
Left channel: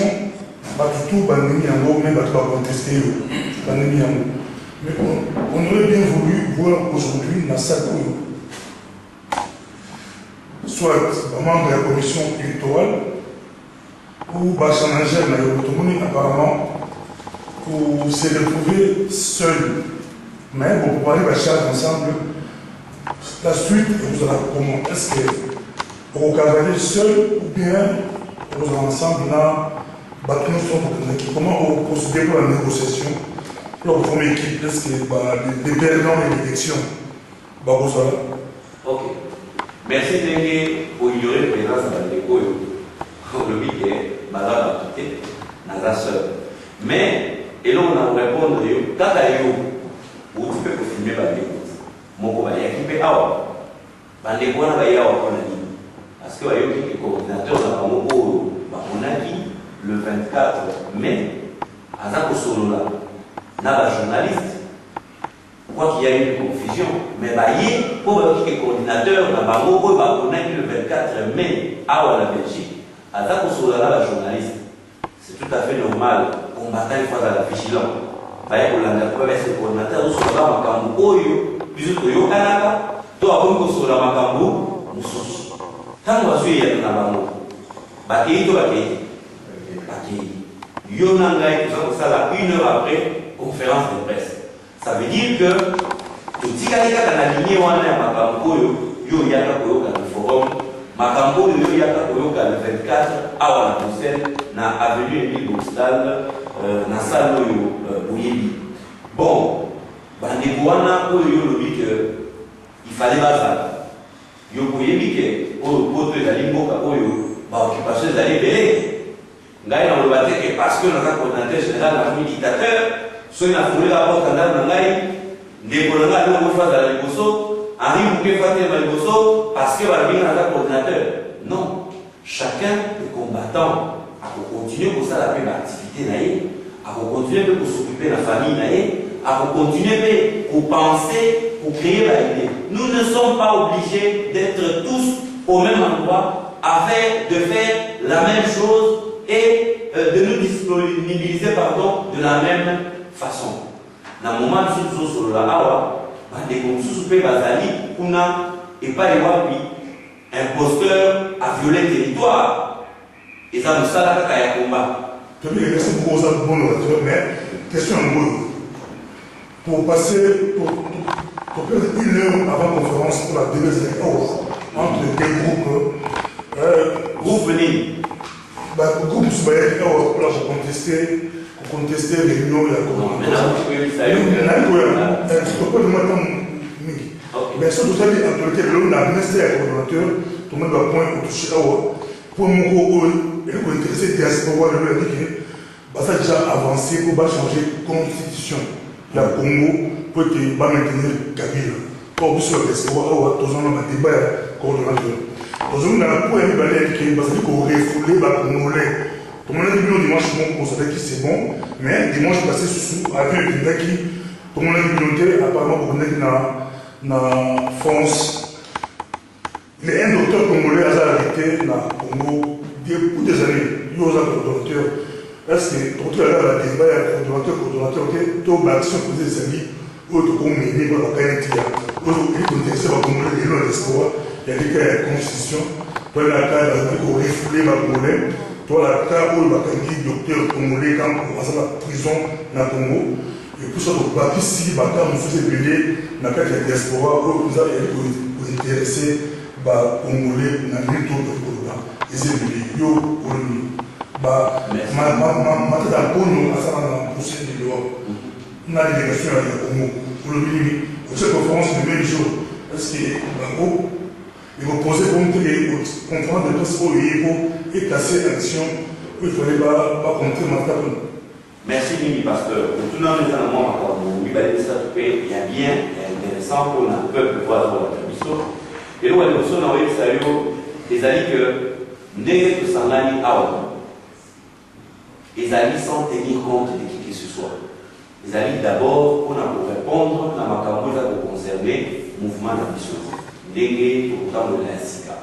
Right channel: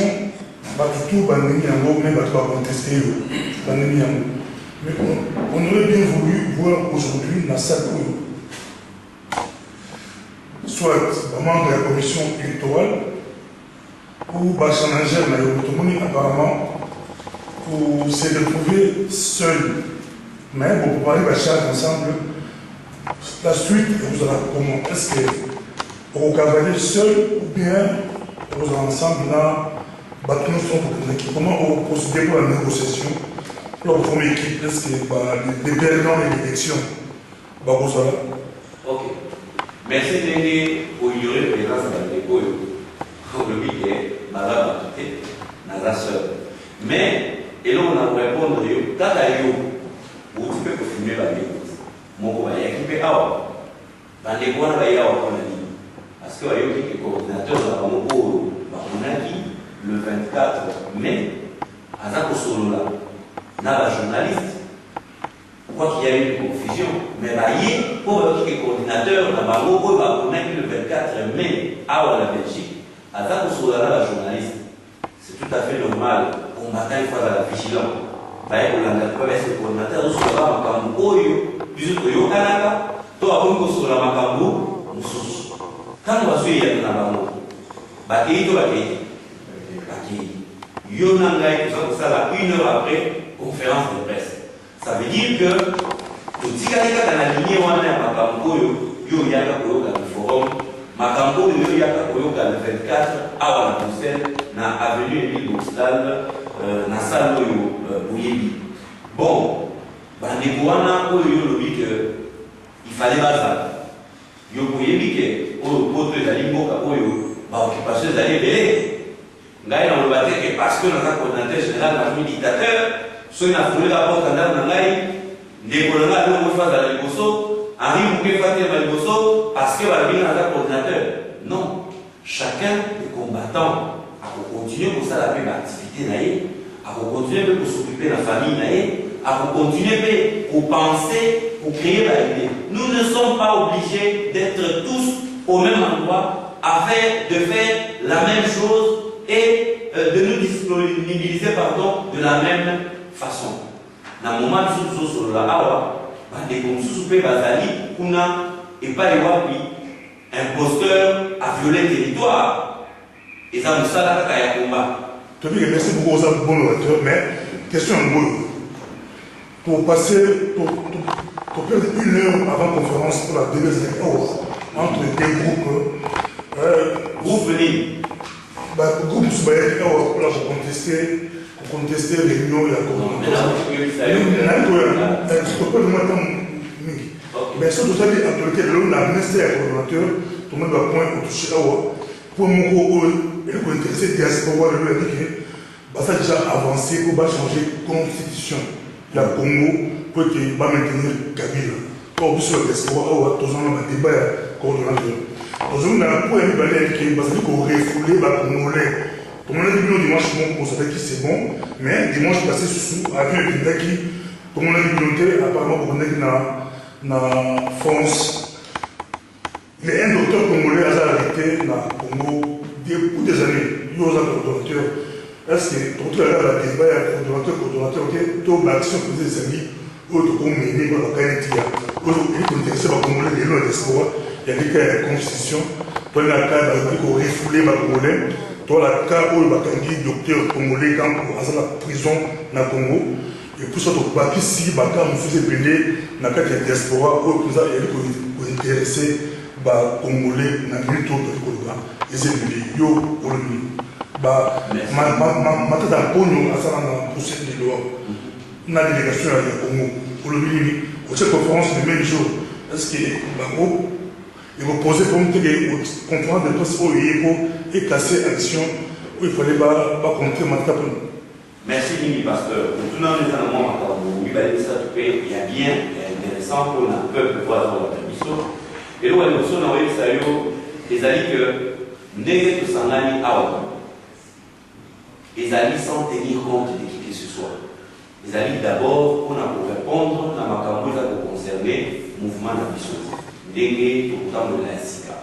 tout bandemi en haut, même pas contester bandemi en haut. Mais on aurait bien voulu voir aujourd'hui dans sa cour, soit membre de la commission électorale ou Bachanangère dans l'autonomie apparemment pour se retrouver seul. Mais pour parler de ensemble, la suite, vous allez comment? Est-ce que vous cavalier seul ou bien vous allez ensemble là, comment vous procédez pour la négociation, pour la première équipe? Est-ce que les perdants et l'élection, ok. Merci pour ignorer la présence de l'école. Le week-end, Madame a quitté, Naza seul. Mais, et là on a répondu, Tatayo, où tu peux confirmer la vie. Mon copain, il y a qui peut avoir. Parce que on a parce que le coordinateur on a dit le 24 mai, à Zakosolo là, n'a journaliste. Quoi qu'il y a eu une confusion, mais pour le coordinateur, on a dit le 24 mai à la Belgique, à Zakosolo là, la journaliste. C'est tout à fait normal. On bataille face à la vigilance. Pour le coordinateur, on se va à Makambo, plus que yo Kanaka, toi, on se va à Makambo, on se quand on va suivre la Makambo, Bakei, toi, Bakei. Yo Nangai, tout ça, une heure après, conférence de presse. Ça veut dire que tout ce qui est dans la lignée, on a Makambo, yo Yaka Koyoka le forum, Makambo, yo Yaka Koyoka le 24, à la Bruxelles, na avenue Émile Boxtal, na salle Boyebi. Bon, Bandegouana, il fallait bazar. Yo Boyebi, pour les aliments, occupation des allées, Ngaï dans le bâtiment, parce que nous avons un coordinateur général, nous avons un dictateur, soit nous avons la porte en dame, des colonels, nous avons fait la Liboso, Henri Mouké fait la Liboso, parce que nous avons un coordinateur. Non, chacun des combattants a continué pour ça la même activité, a continué pour s'occuper de la famille, a continué pour penser, pour créer la idée. Nous ne sommes pas obligés d'être tous au même endroit, de faire la même chose et de nous disponibiliser de la même façon. Dans le moment où nous sommes sur la Awa, des consultants Bazali, Kuna et pas les Wapi, imposteur à violer le territoire. Et ça nous sert à combat. Merci beaucoup aux bons orateurs, mais question en gros. Pour passer, pour perdre une heure avant la conférence pour la délégation entre deux groupes, groupe venez. Groupe Soubaïek, pour contester les réunions et la mais ça, tout ça, l'autorité de l'homme, la ministère et le coordonnateur, tout le monde va point au toucher pour nous intéresser la diaspora de l'ONU, ça a déjà avancé pour changer la constitution de la Congo pour maintenir Kabila. Pour vous sur la diaspora, tous on a un débat coordonnateur. Tous on a un point de balai qui va refoulé les Congolais. Tout le monde a dit que dimanche, on savait que c'est bon, mais dimanche passé, avec un débat qui, tout le monde a dit apparemment, pour dans France. Il y a un docteur congolais qui a arrêté dans le Congo pour des années. Il y a un coordonnateur. Est-ce que tu as la débat, coordonnateur, tu as l'action pour des amis, ou tu as mené pour la qualité, ou tu as intéressé par le Congolais, il y a un espoir, il y a des cas de constitution, tu as un cas de refoulé par le Congolais, tu as un cas où il y a un docteur congolais quand il y a la prison dans le Congo. Et pour ça, tu as ici, tu as fait pédé dans la diaspora, où vous avez intéressé par les Congolais dans le tour de Colombie. Et c'est le yo pour le ma tata Pogno a ça dans le procès de loi. On a une délégation à Congo. Pour le Mini, au cette conférence le même jour, est-ce qu'il il va poser comme conférence de presse pour et classer action où il fallait pas compter ma tata Pogno. Merci Mimi Pasteur. Pour tout le monde, il y a bien intéressant pour un peuple voir la permission. Et là, nous sommes envoyés des alliés que n'est que Sangani Awa. Les alliés sans tenir compte de qui que ce soit. Les alliés d'abord, on a pour répondre, dans ma campagne, coordonner mouvement d'ambition. Ndenge autant de la SICA.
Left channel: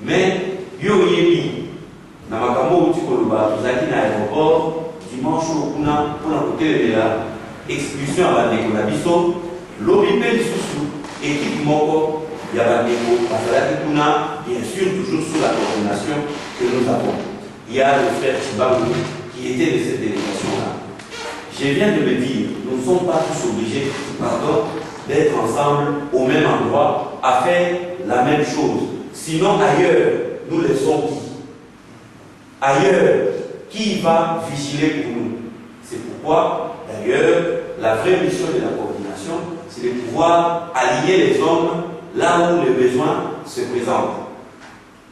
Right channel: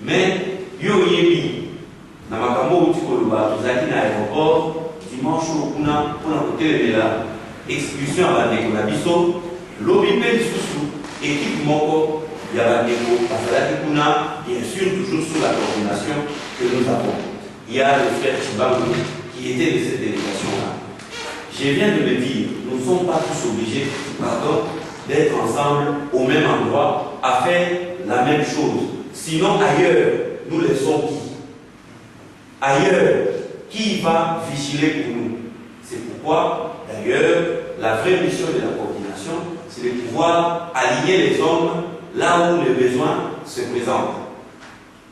Mais, yo yebi, na makambo uti koloba, tozaki na aéroport, dimanche au kuna, pour la côté de la expulsion à bandeko na biso, lobi pe lisusu, équipe moko, ya bandeko, basalaki kuna, bien sûr, toujours sous la coordination que nous avons. Il y a le frère Chibangu qui était de cette délégation-là. Je viens de me dire, nous ne sommes pas tous obligés, d'être ensemble au même endroit à faire la même chose. Sinon, ailleurs, nous laissons qui? Ailleurs, qui va vigiler pour nous? C'est pourquoi, d'ailleurs, la vraie mission de la coordination, c'est de pouvoir aligner les hommes là où les besoins se présentent.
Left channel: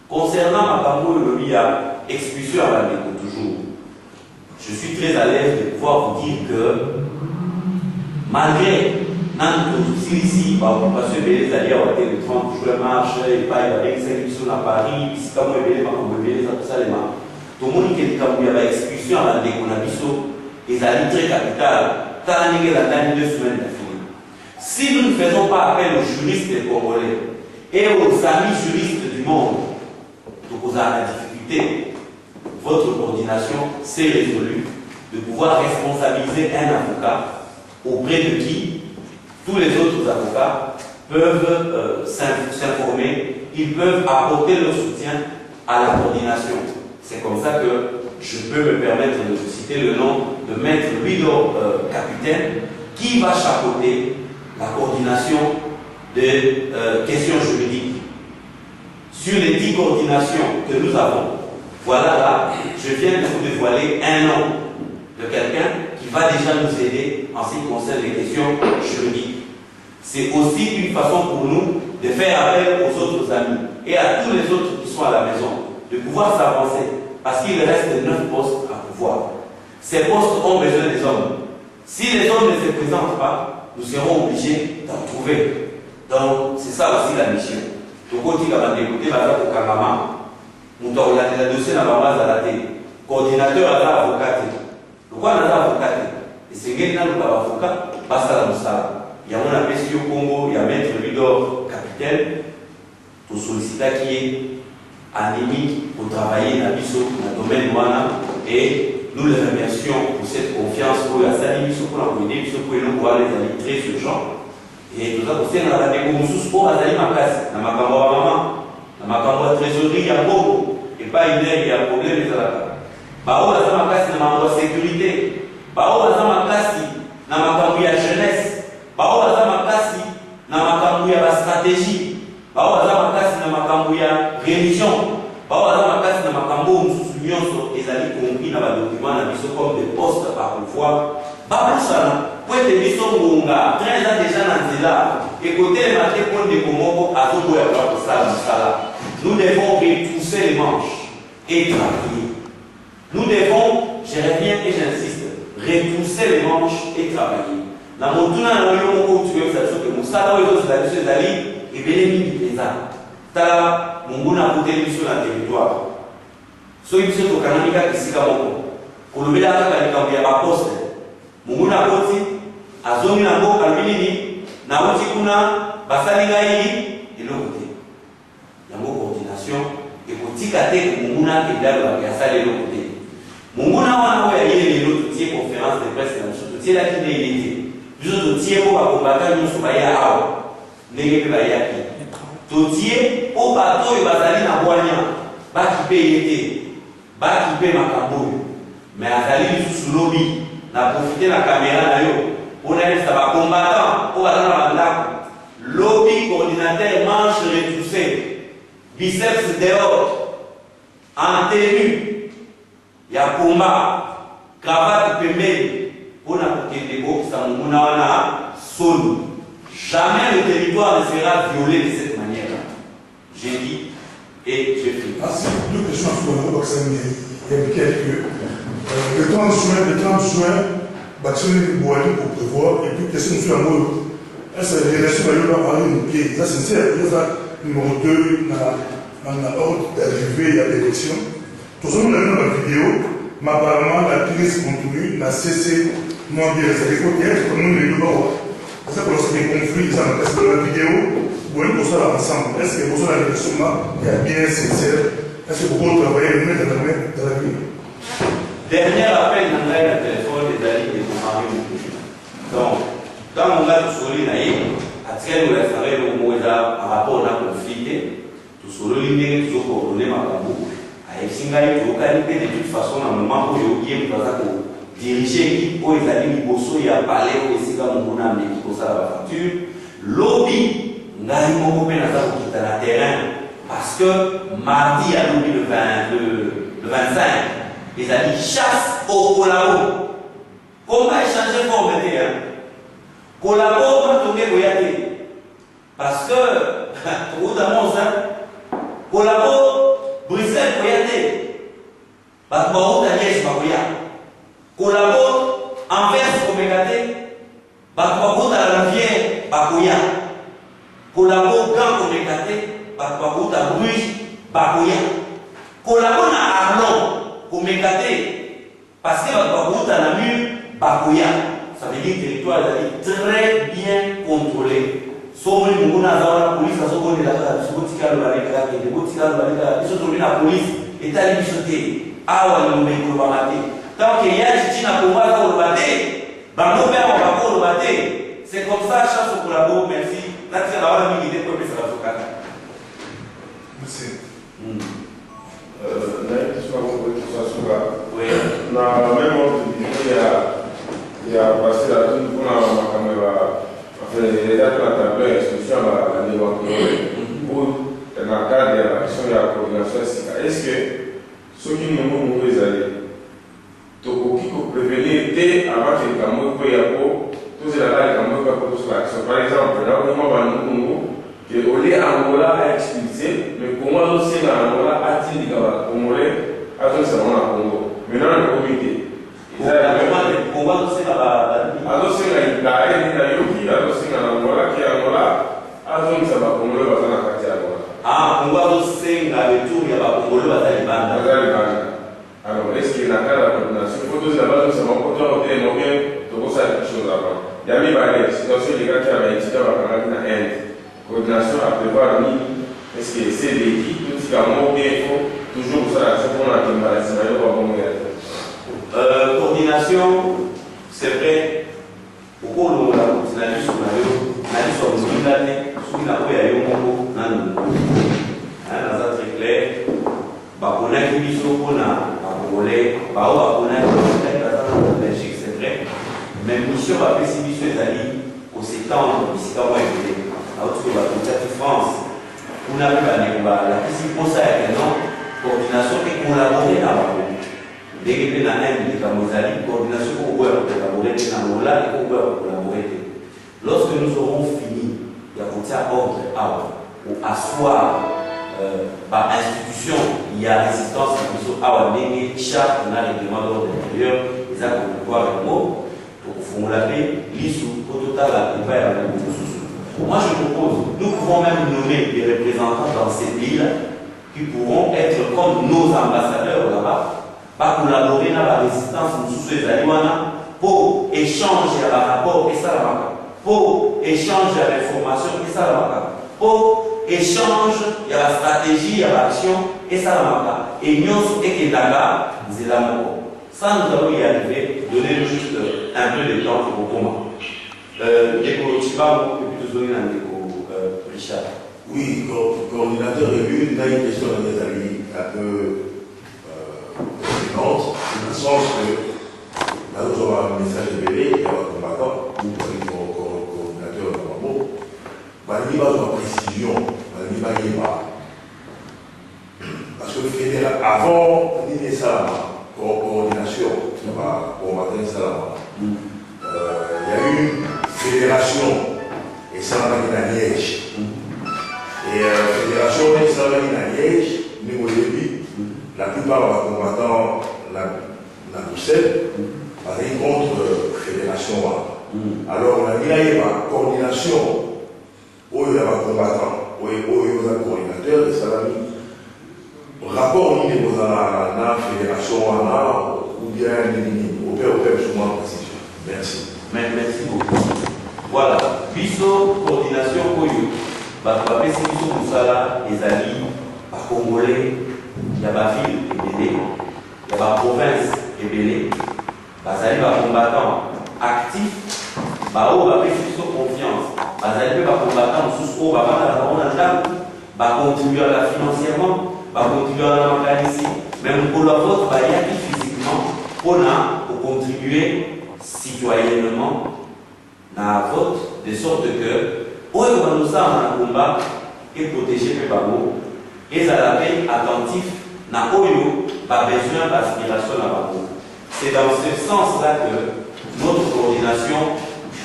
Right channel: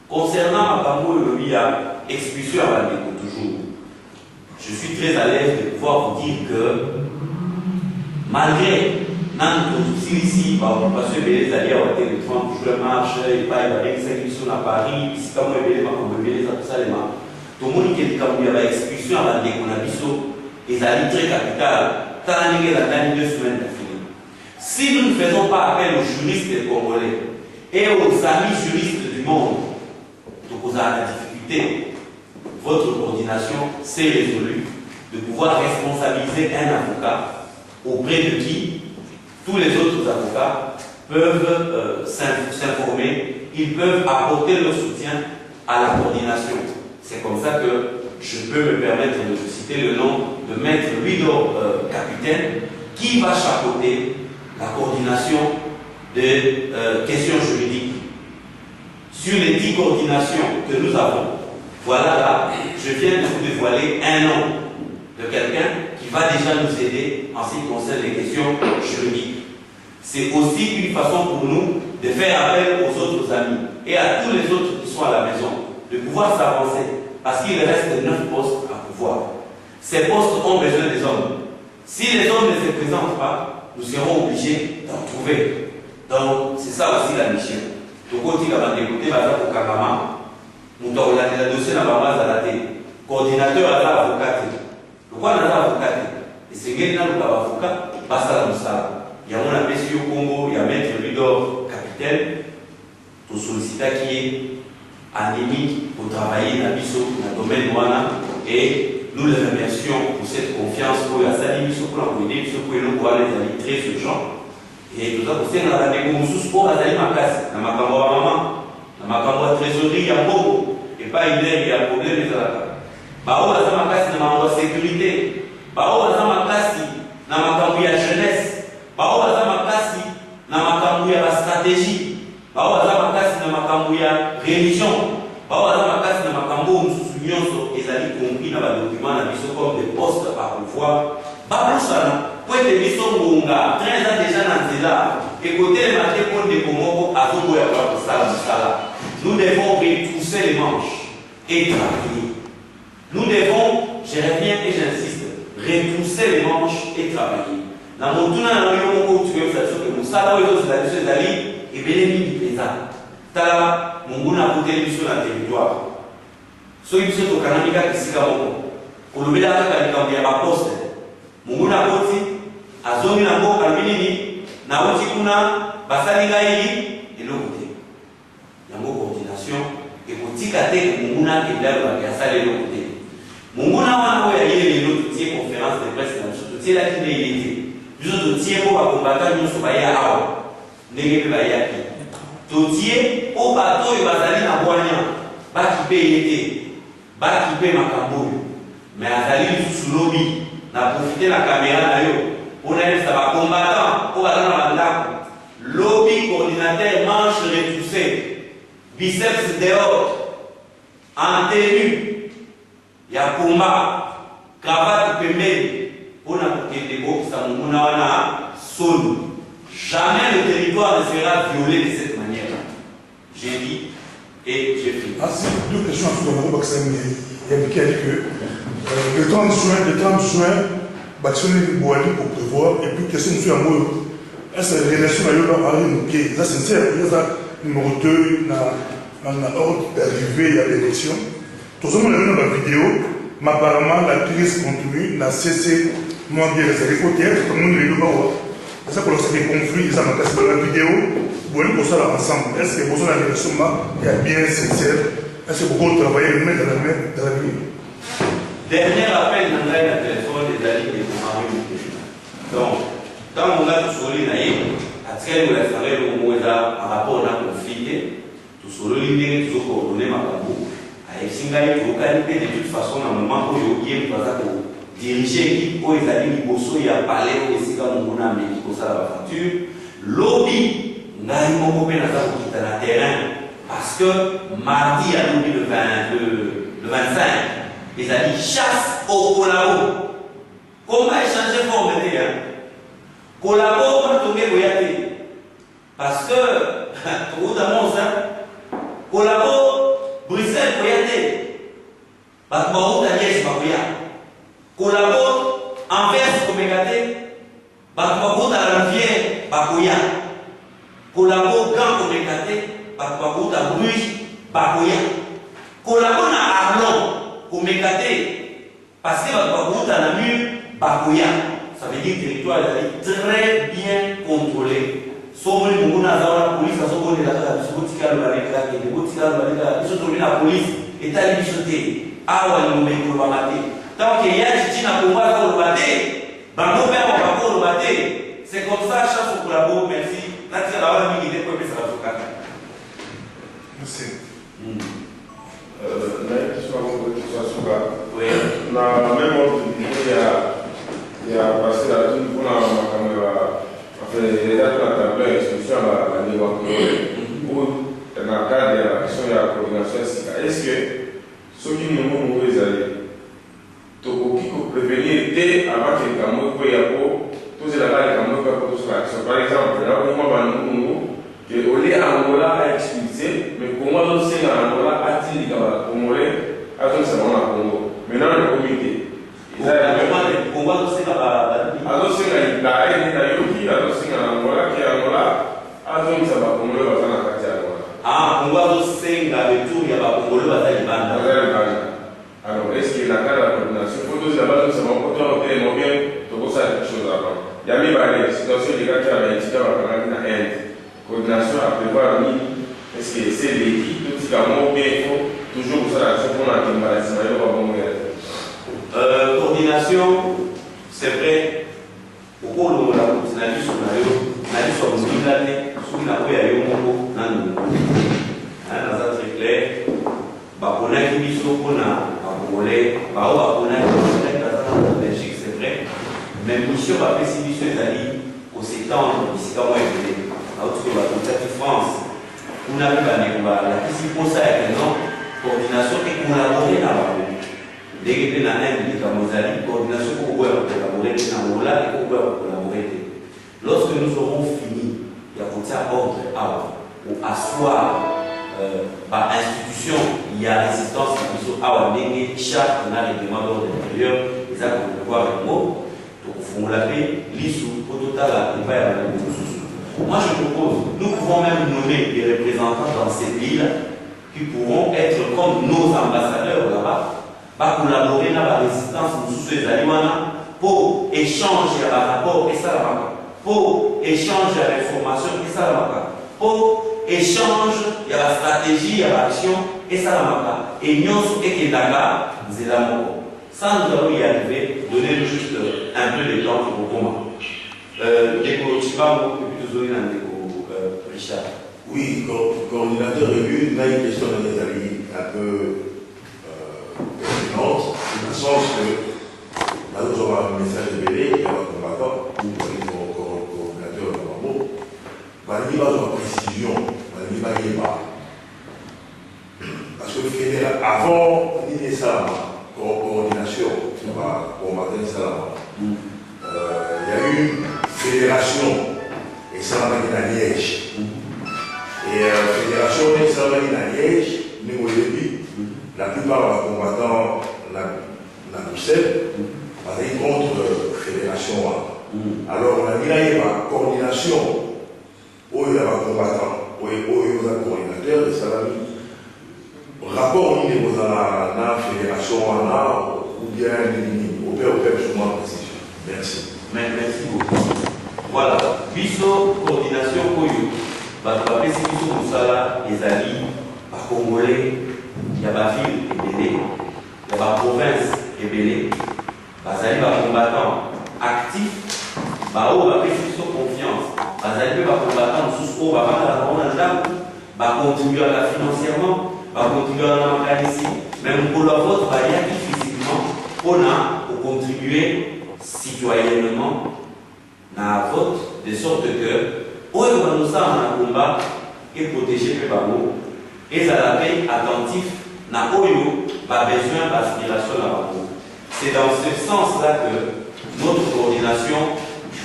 Concernant Makambo et Lobia, expulsion à la toujours, je suis très à l'aise de pouvoir vous dire que malgré ici, par occupation des alliés à le 30 juin marche, et pas avec 5 missions à Paris, ici comme on est les Salema. Tout le monde qui est comme il y avait expulsion à la déconabiso, et ça dit très capital, tant que la dernière 2 semaines d'affilée. Si nous ne faisons pas appel aux juristes congolais et aux amis juristes du monde, donc vous avez la difficulté, votre coordination s'est résolue de pouvoir responsabiliser un avocat auprès de qui tous les autres avocats peuvent s'informer, ils peuvent apporter leur soutien à la coordination. C'est comme ça que je peux me permettre de citer le nom de Maître Luido Capitaine qui va chapeauter la coordination des questions juridiques. Sur les 10 coordinations que nous avons, voilà là, je viens de vous dévoiler un nom de quelqu'un qui va déjà nous aider en ce qui concerne les questions juridiques. C'est aussi une façon pour nous de faire appel aux autres amis et à tous les autres qui sont à la maison, de pouvoir s'avancer, parce qu'il reste 9 postes à pouvoir. Ces postes ont besoin des hommes. Si les hommes ne se présentent pas, nous serons obligés d'en trouver. Donc, c'est ça aussi la mission. Donc, quand il va d'écouter, au Kangama, nous avons la dossier dans la base à la télé. Coordinateur à l'avocat. Pourquoi on a l'avocat? Et c'est que nous avons l'avocat, passe à la moussa. Il y a mon appel au Congo, il y a Maître Ludo Capitaine, tout sollicita qui est anémique pour travailler dans le domaine Wana. Et nous les remercions pour cette confiance pour la salle pour la communauté, pour nous pouvoir les amis très urgents. Et nous avons aussi la découverte pour la salle ma classe, dans ma caméra maman, dans ma caméra trésorerie, il y a beaucoup. Et pas une heure, il y a un problème de la Bao la ma classe, dans ma sécurité. Bao la ma classe, dans ma caméra jeunesse. Bao la ma classe, dans ma caméra stratégie. Bao la ma classe, dans ma caméra religion. Bao la ma classe, dans ma caméra nyonso ezali compris dans le document na biso comme des postes par pouvoir babusana pour être biso ngonga 13 ans déjà dans cela et côté le matin pour des komoko azoboya kwa sala nous devons retrousser les manches et travailler. Nous devons, je reviens et j'insiste, retrousser les manches et travailler. Na motuna na yo moko tu veux ça que musala oyo ezali et bénéfique les arts tala munguna côté biso na territoire. So you say to Kanamika Kisikamo, Kolubida Kanika, we have apostle. Munguna Koti, Azoni Nabo, Kalmini, Naotikuna, Basaligai, et l'autre. Il y a une coordination, et pour Tikate, Munguna, et là, il y a ça, et l'autre. Munguna, il y a une autre conférence de presse, il y a la Kinéité. Nous autres, Tiemo, à combattre, nous sommes à Négé Bayaki. Totier, au bateau, et Basali Naboania, Baki Payete. Baki pe makambo mais azali sous lobby na profiter la caméra na yo on a ça va combattant pour aller dans la lobby coordinateur manche retroussée biceps dehors en tenue ya combat cravate pembeni pour na côté ko ça mona wana solo jamais le territoire ne sera violé de cette manière j'ai dit. Et j'ai fini. Ah, c'est deux questions sur le groupe Oxen. Il y a que le 30 juin, Bachoni Boali pour prévoir, et puis question sur la mot. Est-ce que les relations à Arine, qui est sincère, il y a numéro 2, dans l'ordre d'arrivée à l'élection. Tout ça, nous l'avons dans la vidéo, mais apparemment, la crise continue, la CC, moi, bien, c'est les côtés, comme nous les deux, ça pour lancer des conflits, ça dans la vidéo, vous voyez qu'on soit ensemble. Est-ce que vous avez une direction qui est bien sincère? Est-ce que vous travaillez main dans la main dans la vie? Dernier appel dans le téléphone des alliés de Mario. Donc, quand on a tout sur l'île, à tirer le restaurant, on a un rapport à conflit, tout sur l'île, tout coordonné, ma cabou. À Exingaï, tout qualité de toute façon, à un moment où il y a diriger l'équipe, où ils allaient il y a parlé aussi quand on a mis ça la facture. Lobby, on a eu mon copain dans le terrain parce que mardi à lobby le 25, ils allaient chasse au collabo. Comment échanger forme de terrain? Collabo, on a tombé Boyate. Parce que, tout le monde sait, collabo, Bruxelles, Boyate. Parce que on a dit, collabo, Anvers, Comégate. Parce que la rivière, Bakoya. Collabo, Gant, Comégate. Parce que Bruges, Bakoya. Collabo, Arlon, Comégate. Parce que Namur, Bakoya. Ça veut dire que le territoire est très bien contrôlé. Sauf que nous avons la police, nous avons la police, et la tant qu'il y a c'est comme ça, chasse au collabo, merci. Merci. Même ordre il y a passé la toute pour la caméra. Les dates de la instruction à la niveau pour dans le cadre de la question de la coordination. Est-ce que ceux qui nous ont mauvais allés, qui peut prévenir dès avant que les caméras soient tous les caméras pour l'action. Par exemple, là où nous avons que au lieu d'Angola a expulsé, mais comment on sait qu'Angola a-t-il dit qu'Angola a tout ça dans Congo. Maintenant, le comité. Alors, est-ce qu'il y a la coordination? Il faut tous d'abord nous avons bien de ça quelque chose avant. Il y a des situations des gars qui avaient étudié en Inde. Coordination à prévoir, est-ce que c'est l'équipe, tout ce qui a bien, toujours ça, c'est pour la maladie, coordination, c'est vrai. Au cours de la coordination, on a dit sur le l'année, sur la voie à Yomoko, dans un très clair, on a qui dit qu'on a volé, on a en Belgique, c'est vrai. Mais mission va faire si mission est allée au septembre, ici quand on est venu, à autre que la France, on a vu la question pour ça, coordination et collaborer avec eux. Dès que la Inde dit qu'à coordination pour collaborer avec Angola et pour collaborer. Lorsque nous aurons fini, il y a un ordre pour asseoir l'institution, il y a résistance à chaque règlement d'ordre intérieur, les actes de pouvoir avec moi, donc il faut l'appeler l'issue, au total, la moi je propose, nous pouvons même nommer des représentants dans ces pays-là qui pourront être comme nos ambassadeurs là-bas, collaborer dans la résistance pour échanger à rapport et ça pour échanger à l'information et ça pour échanger à la stratégie, à l'action et ça et nous et Kedaga, c'est l'amour. Ça nous allons y arriver, donner juste un peu de temps pour comment. Richard. Oui, coordinateur élu, il y a une question de mes amis un peu pertinente, dans le sens que là nous avons un message de BD, il y a un combattant, coordinateur de Mambo, il y a une précision, il n'y a pas. Parce que le fédéral, avant l'idée ça, coordination, combattant ça, il y a eu une fédération et ça va venir à Liège. Et la fédération et ça va venir à Liège, nous la plupart des combattants la Bruxelles, avec contre la fédération. Alors on a dit là il y a une coordination où il y a un combattant, où il y a un coordinateur, et ça va venir. Rapport au niveau de la fédération ou bien au père, sur moi précision. Merci. Merci beaucoup. Voilà. biso coordination oyo bapesi biso mosala ezali bacongolais ya baville ebele ya baprovince ebele bazali bacombattant actif baoyo bapesi biso confiance bazali mpe bacombattant mosusu oyo bavandaka bango na ndako bacontribuaka financièrement bacontribuaka na makanisi mais mokolo ya vote bayaki physiquement mpona kocontribue citoyennement na vote de sorte que oyo banozala na combat eprotege mpe bango ezala mpe attentif na oyo babesoin baspiration na bango. C'est dans ce sens-là que notre coordination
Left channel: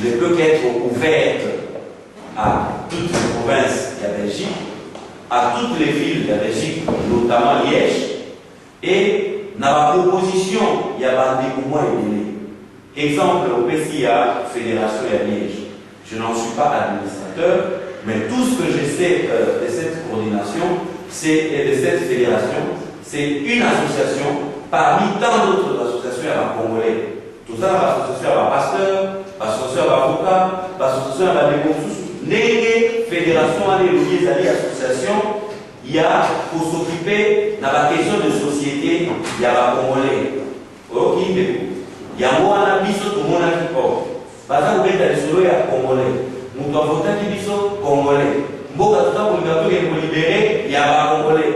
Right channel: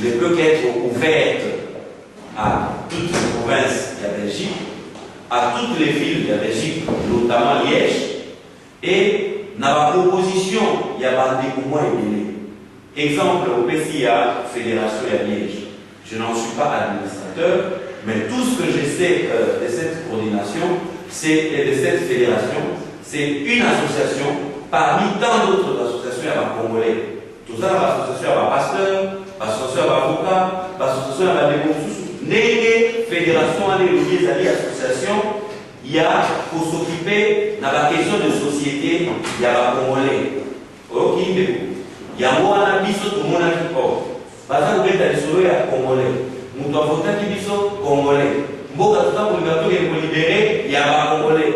ne peut qu'être ouverte à toutes les provinces de la Belgique, à toutes les villes de la Belgique, notamment Liège, et dans la proposition, il y a des mois et exemple, au PCA, Fédération de Liège. Je n'en suis pas administrateur, mais tout ce que je sais de cette coordination et de cette fédération, c'est une association parmi tant d'autres associations à Congolais. Tout ça, l'association à pasteur, l'association à avocat, l'association à démocratie, les fédérations, les associations, il y a pour s'occuper de la question de société, il y a la Congolais. Ok, il y a un abisso, tout le monde a qui porte. Parce que vous êtes allé sur le Congolais. Nous devons voter qui biso Congolais. Mboka tout ça pour le libérer, il y a la Congolais.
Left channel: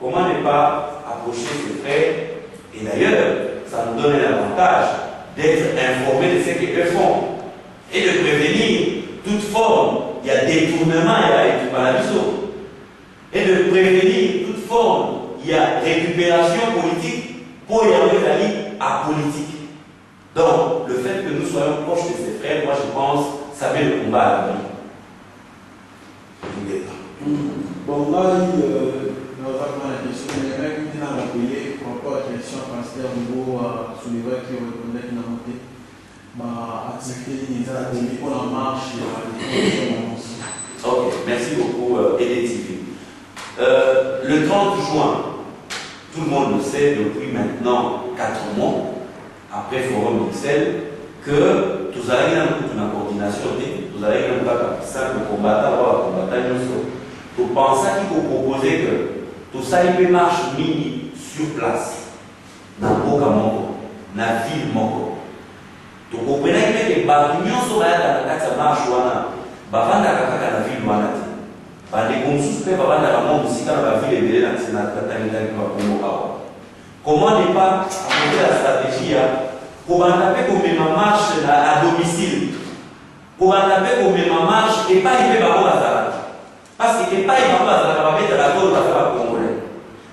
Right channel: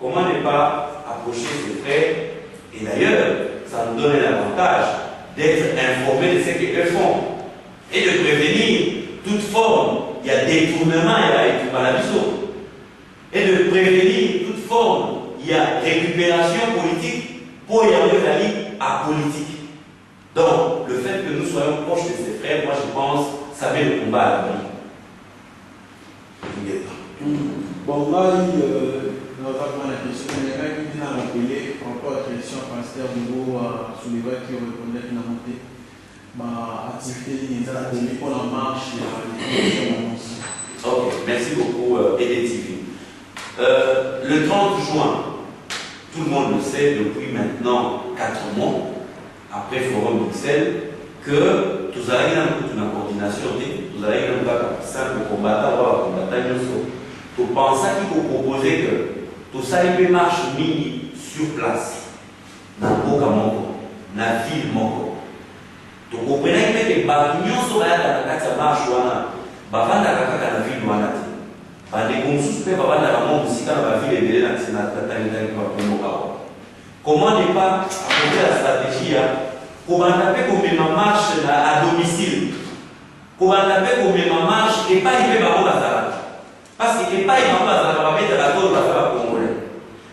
Comment ne pas approcher ses frères? Et d'ailleurs, ça nous donne l'avantage d'être informés de ce qu'eux font et de prévenir toute forme, il y a détournement, il y a malabiso, et de prévenir toute forme, il y a récupération politique pour y avoir la à politique. Donc, le fait que nous soyons proches de ces frères, moi je pense, ça met le combat à l'abri. Bon, là, on va prendre la question. Il y a quelqu'un qui vient à l'appeler par rapport à la question pasteur au niveau soulevé qui répondait qui n'a monté. Ma activité est à la pour la marche et la déclaration. Ok, merci beaucoup, EDTV. Le 30 juin, tout le monde le sait depuis maintenant 4 mois, après Forum Bruxelles, que tous allez dans une coordination, tous allez dans un simple combattant, pour penser qu'il faut proposer que tout ça il peut marcher mini sur place, dans Boka Moko, dans la ville Moko. Donc vous comprenez que les bâtiments sont là dans la marche, bavanda kaka na ville wana te bande konsusu pe bavanda ka mo musika na ba ville ebele na tsena tatangitaki ba kongo awa. Comment ne pas apporter la stratégie pour banda pe komema marche à domicile, pour banda pe komema marche et pas y pe ba bazala parce que pas y ba bazala ba mettre la tolo ba congolais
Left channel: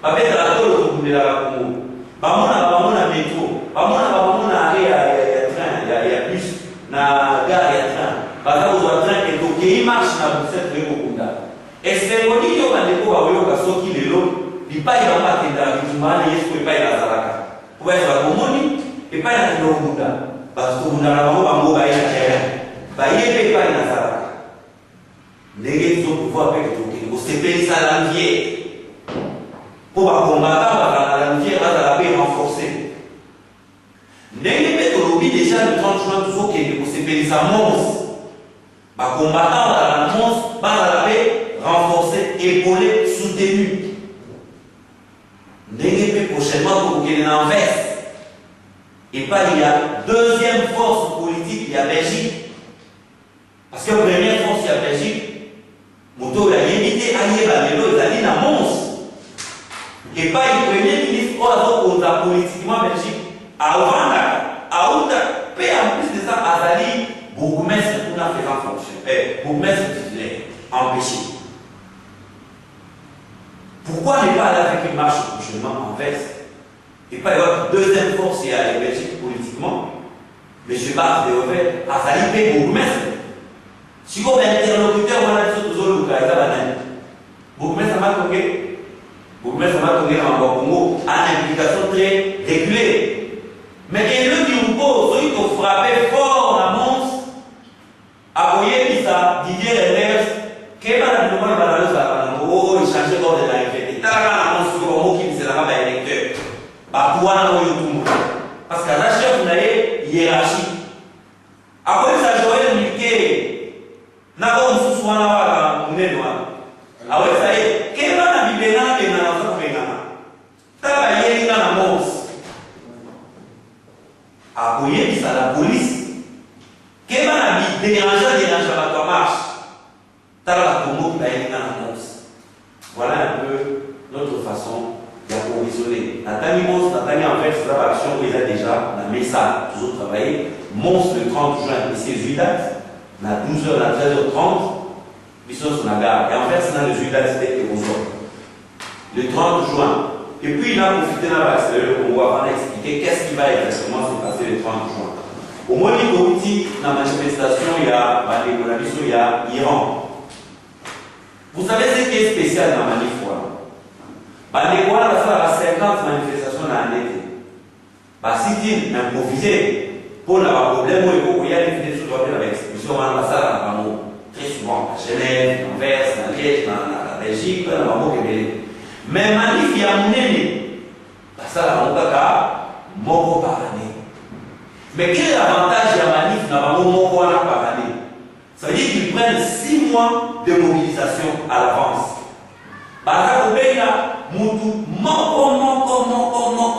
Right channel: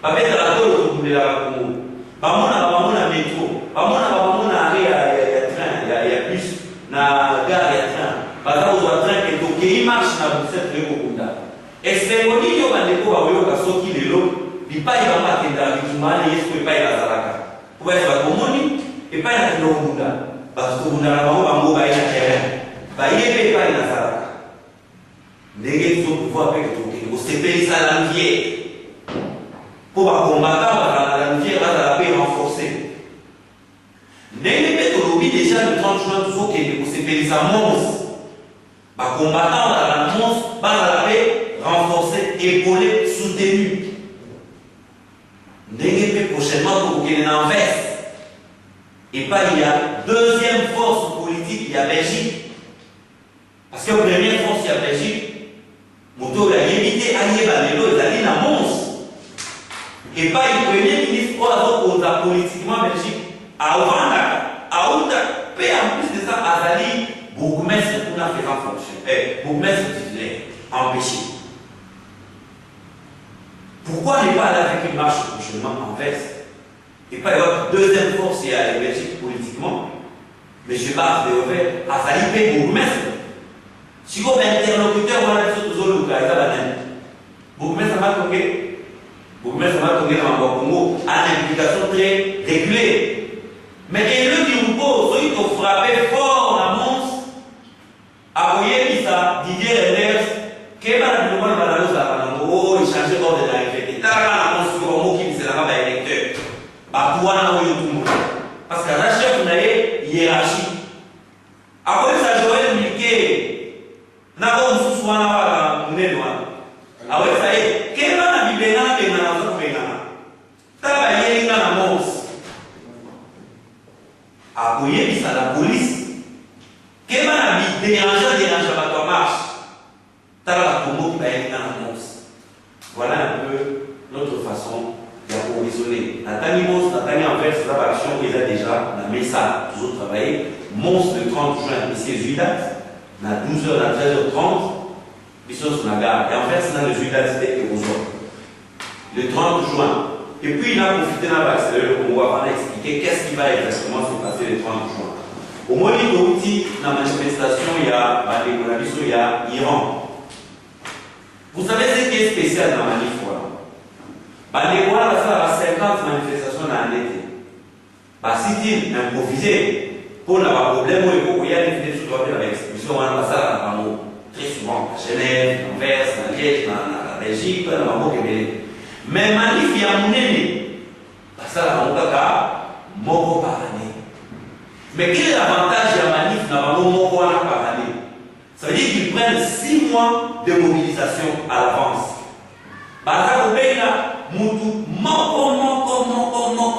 ba mettre la tolo ko kundela Congo ba mona métro ba mona arrêt ya train ya bus na gare ya train baza kozwa train ekokei marche na Bruxelles toye kokunda esengo yo bandeko baoyoka soki lelo bipai bango akendaka bitumba wana yesu po epai bazalaka po bayesa bakomoni epai nakenda kokunda bato tokundaka bango bango baye na terrain baye mpe epai nazalaka ndenge biso pouvoir mpe tokende kosepelisa lanviere mpo bakombata bazala lanviere bazala mpe renforce ndenge mpe tolobi déjà le 30 juin tozokende kosepelisa mons combattant dans la monstre, dans la paix, renforcé, épaulé, soutenu. N'est-ce pas prochainement pour qu'il en veste. Et pas il y a deuxième force politique, il y a Belgique. Parce que première force, il y a Belgique. Moto a évité allié Balélo, il a dit la monstre. Et pas le premier ministre, on a politiquement Belgique. À Ouvanda, à Ouvanda, en plus de ça, Azali. Bourgmestre pour la faire en fonction. Bourgmestre titulaire, empêché. Pourquoi ne pas aller avec une marche prochainement en veste et pas y avoir deuxième force et à la Belgique politiquement? M. Barth de Ouvert a failli payer bourgmestre. Si vous avez un interlocuteur, on a dit que vous avez un bourgmestre a marqué. Bourgmestre a marqué en Congo a une implication très régulée. Mais il le dit ou pas, il faut frapper fort la monstre. Aboyer ça, Didier Renders, qui va nous demander à la loi, il change d'ordre de la référence. T'as la monstre sur le mot qui ne sera pas électeur. Parce qu'à la chef, on a une hiérarchie. Après ça, j'aurais indiqué sous soin ah ouais, ça y est. Quel va la Bible là, et dans notre pays là? Travailler dans la mons. Appuyer ça la police. Quel va la Bible déranger à toi marche? T'as la Congo qui va être dans la mons. Voilà un peu notre façon d'approvisionner. Nathalie Mons, Nathalie Envers, c'est la action qu'il a déjà, la MESA, toujours travaillé. Mons le 30 juin, ici, les 8 dates, à 12h, à 13h30. Mission sur la gare. Et en fait, c'est dans le juillet c'était le 30 juin. Et puis, il a profité dans l'accéléré, on va expliquer qu'est-ce qui va exactement se passer le 30 juin. Au moins, il y a la manifestation, il y a Iran. Vous savez ce qui est spécial dans la manif? Les Rwandais, ça va 50 manifestations dans l'année. Si tu improvisé, pour avoir un problème, il y a des vidéos sur l'expulsion, on va ça très souvent à Genève, en Anvers, en Liège, en Belgique, en Québec. Mais manif, il y a un année. Ça, on a moko par année. Mais quel est l'avantage de la manif dans moko par année? Ça veut dire qu'ils prennent 6 mois de mobilisation à l'avance. Parce que là, moko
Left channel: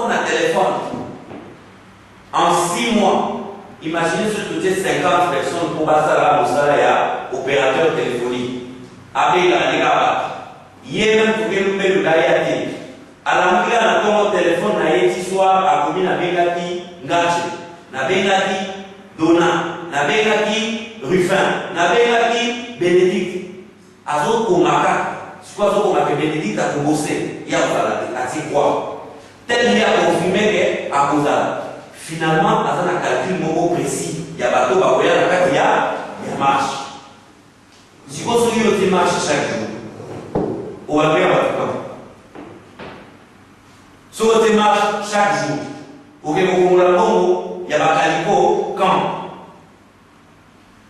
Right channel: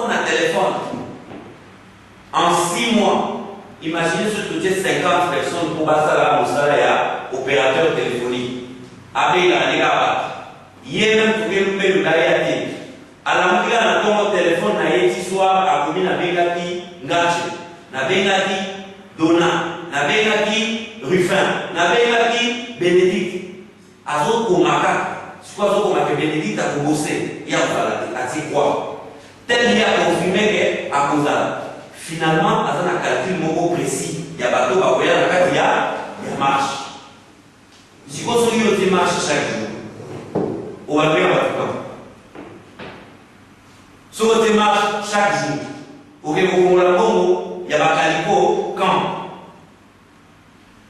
na téléphone. En 6 mois. Imaginez ce que tu 50 personnes pour passer à la opérateur téléphonique. Avec la négaba. Hier même, tu peux nous mettre le gaïati. À la mouille, on a ton téléphone, on a été soir, à combien na bengati, ngache, na bengati, Dona, na bengati, Ruffin, na bengati, Bénédicte. Azo Komaka, c'est quoi Azo Komaka Bénédicte à Kobosé, il y a quoi? Tel il a confirmé qu'à Kozala. Finalement, dans un calcul mot précis, il y a bateau, il y a marche. Si vous avez une marche chaque jour, on va faire votre temps. Si vous avez une marche chaque jour, il y a Calico, quand.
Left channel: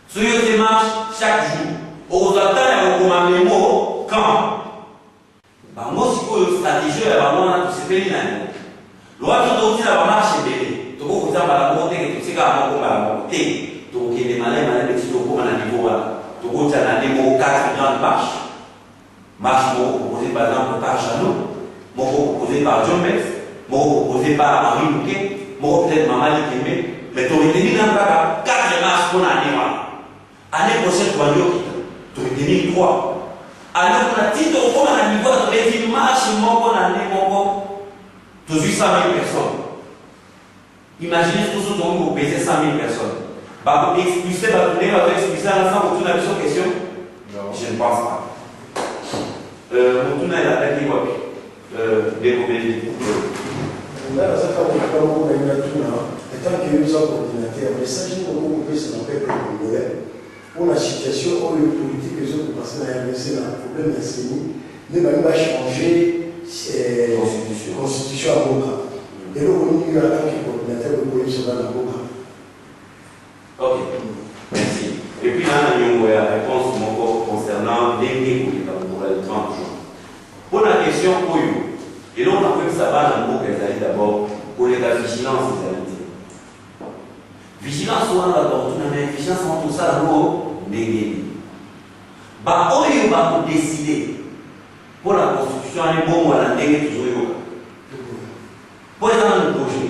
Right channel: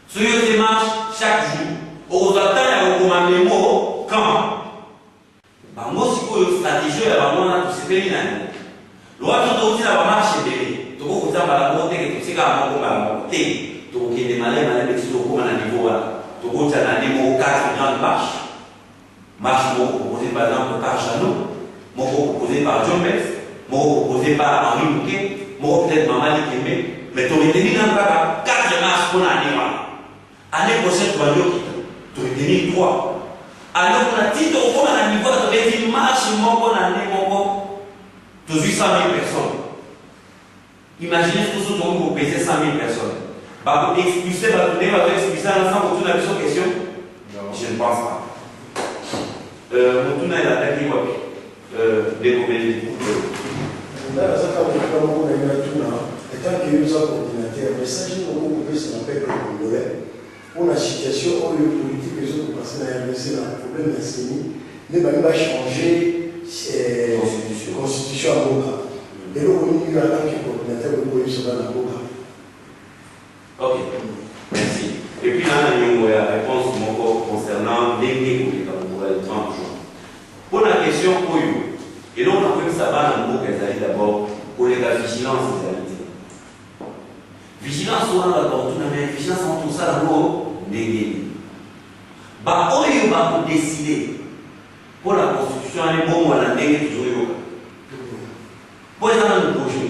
Si vous avez une marche chaque jour, vous attendez les mots, quand. Moi, si vous avez une stratégie, il y a vraiment tout ce pays. L'autre, vous avez une marche bébé. Vous avez la montée que tu sais qu'à mon côté, tu as des malais, tu as un niveau, tu as un niveau 4 grandes marches. Marche proposée par exemple par Chanou, proposée par John Metz, proposée par Henri Bouquet, peut-être Maman Likemé, mais tu aurais tenu dans le cas 4 marches pour l'année. L'année prochaine, tu vas dire tu aurais tenu 3. Alors, on a dit que comme un niveau, tu aurais dit marche, mon année, tu as 800 000 personnes. Imaginez ce que ce dont vous pesez 100 000 personnes. Vous expulsez, vous expulser ensemble pour toute la question? Non. Je ne pense pas. Moutuna est attaqué quoi? Découvrir. Là, ça quand on a tout là, et tant qu'il y a eu ça coordinateur, mais ça, j'ai beaucoup coupé sur le peuple congolais. Pour la situation, où les politiques, les autres passent dans la RDC, dans le problème d'enseignant, mais il va changer constitution à Boka. Et là, on y a un qui est coordinateur de police dans la Boka. Ok, merci. Et puis là, on a une réponse concernant les pour le 30 juin. Pour la question, et là, on a vu que ça va dans le mot d'abord pour les vigilance des habitudes. Vigilance, on a vigilance en tout ça, d'abord, des bah, on va décider pour la constitution, on est bon, on a toujours. Pour les gens de projet,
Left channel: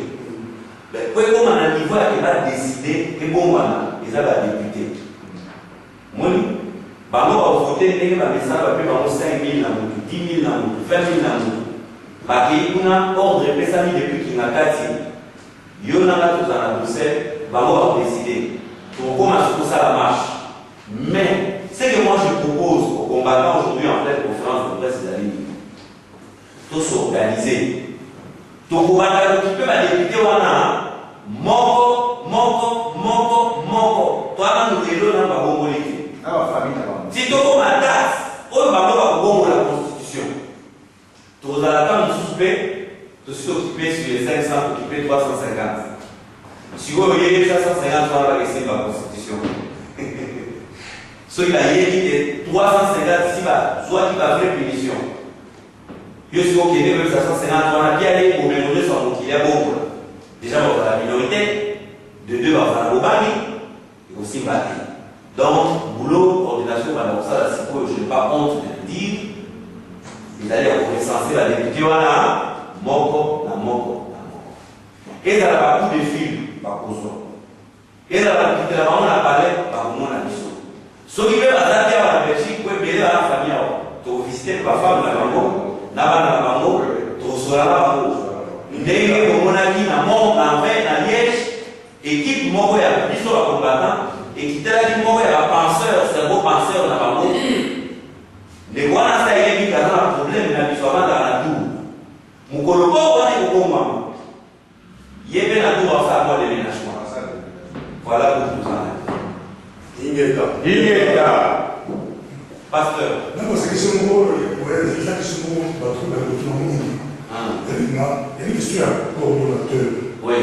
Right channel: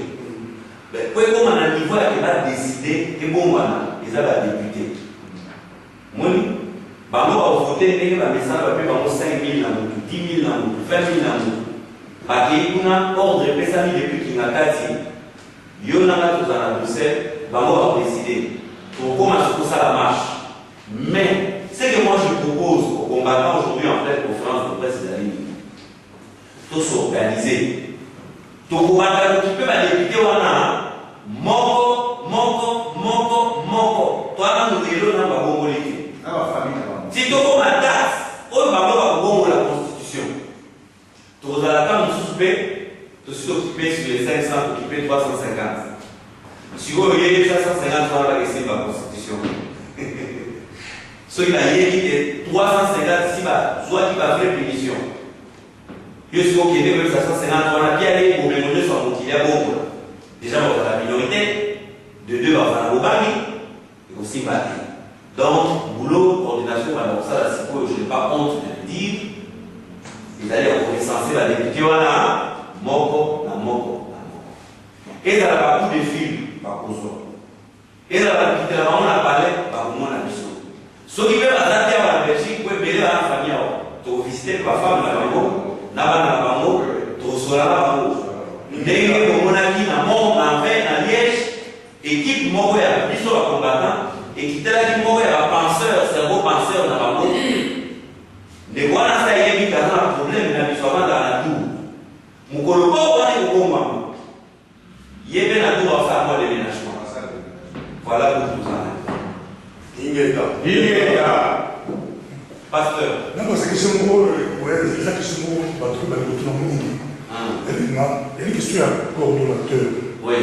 pour comme on a un niveau qui va décider, et bon, ils ont la député. Moi, on va voter, on va mettre 5 000, 10 000, 20 000. Parce qu'il y a un ordre de personnes depuis qu'il y a 4 ans. Il y a un Bruxelles, on va décider. Pour commencer pour ça la marche. Mais, ce que moi je propose aux combattants aujourd'hui en fait, conférence de presse des amis, tous s'organiser. Donc, on va occuper ma députée, on a moko. Toi, nous réglons dans la bombolité. Si tu as ma date, on va bomber la constitution. Tu vas à la table de souper, tu suis occupé sur les 500, occupé 350. Si vous voyez 350, on va laisser la constitution. Ce qui a dit 350, si soit qui va faire punition. Je suis au Québec, même 550, on a bien allé pour mélanger son qu'il y a bon. Déjà, on va la minorité, de 2, on va la Bobani, et aussi Bati. Donc, boulot, coordination. coordination, madame ça, je n'ai pas honte de le dire. Ils allaient recenser la députée wana moko na moko na moko. Et dans la beaucoup de films, par contre. Et dans la députée là, on a parlé par mon abisso. Ce qui veut adapter à la Belgique, pour aider la famille, tu visiter ma femme na bango, na bango, tu seras là bango. Ndenge ko monaki na mont na vin na Liège, équipe moko ya biso ba combattant, équipe la moko ya penseur, cerveau penseur na bango. De quoi ça y est, il y a un problème dans l'histoire de la tour. Mon colloque, on est au combat. Il y a bien la tour à faire de déménagement. Voilà pour tout ça. Pasteur. Non, parce que c'est mon rôle, c'est ça que c'est mon rôle, pas trop dans le monde. Il y a une question à coordonnateur. Oui.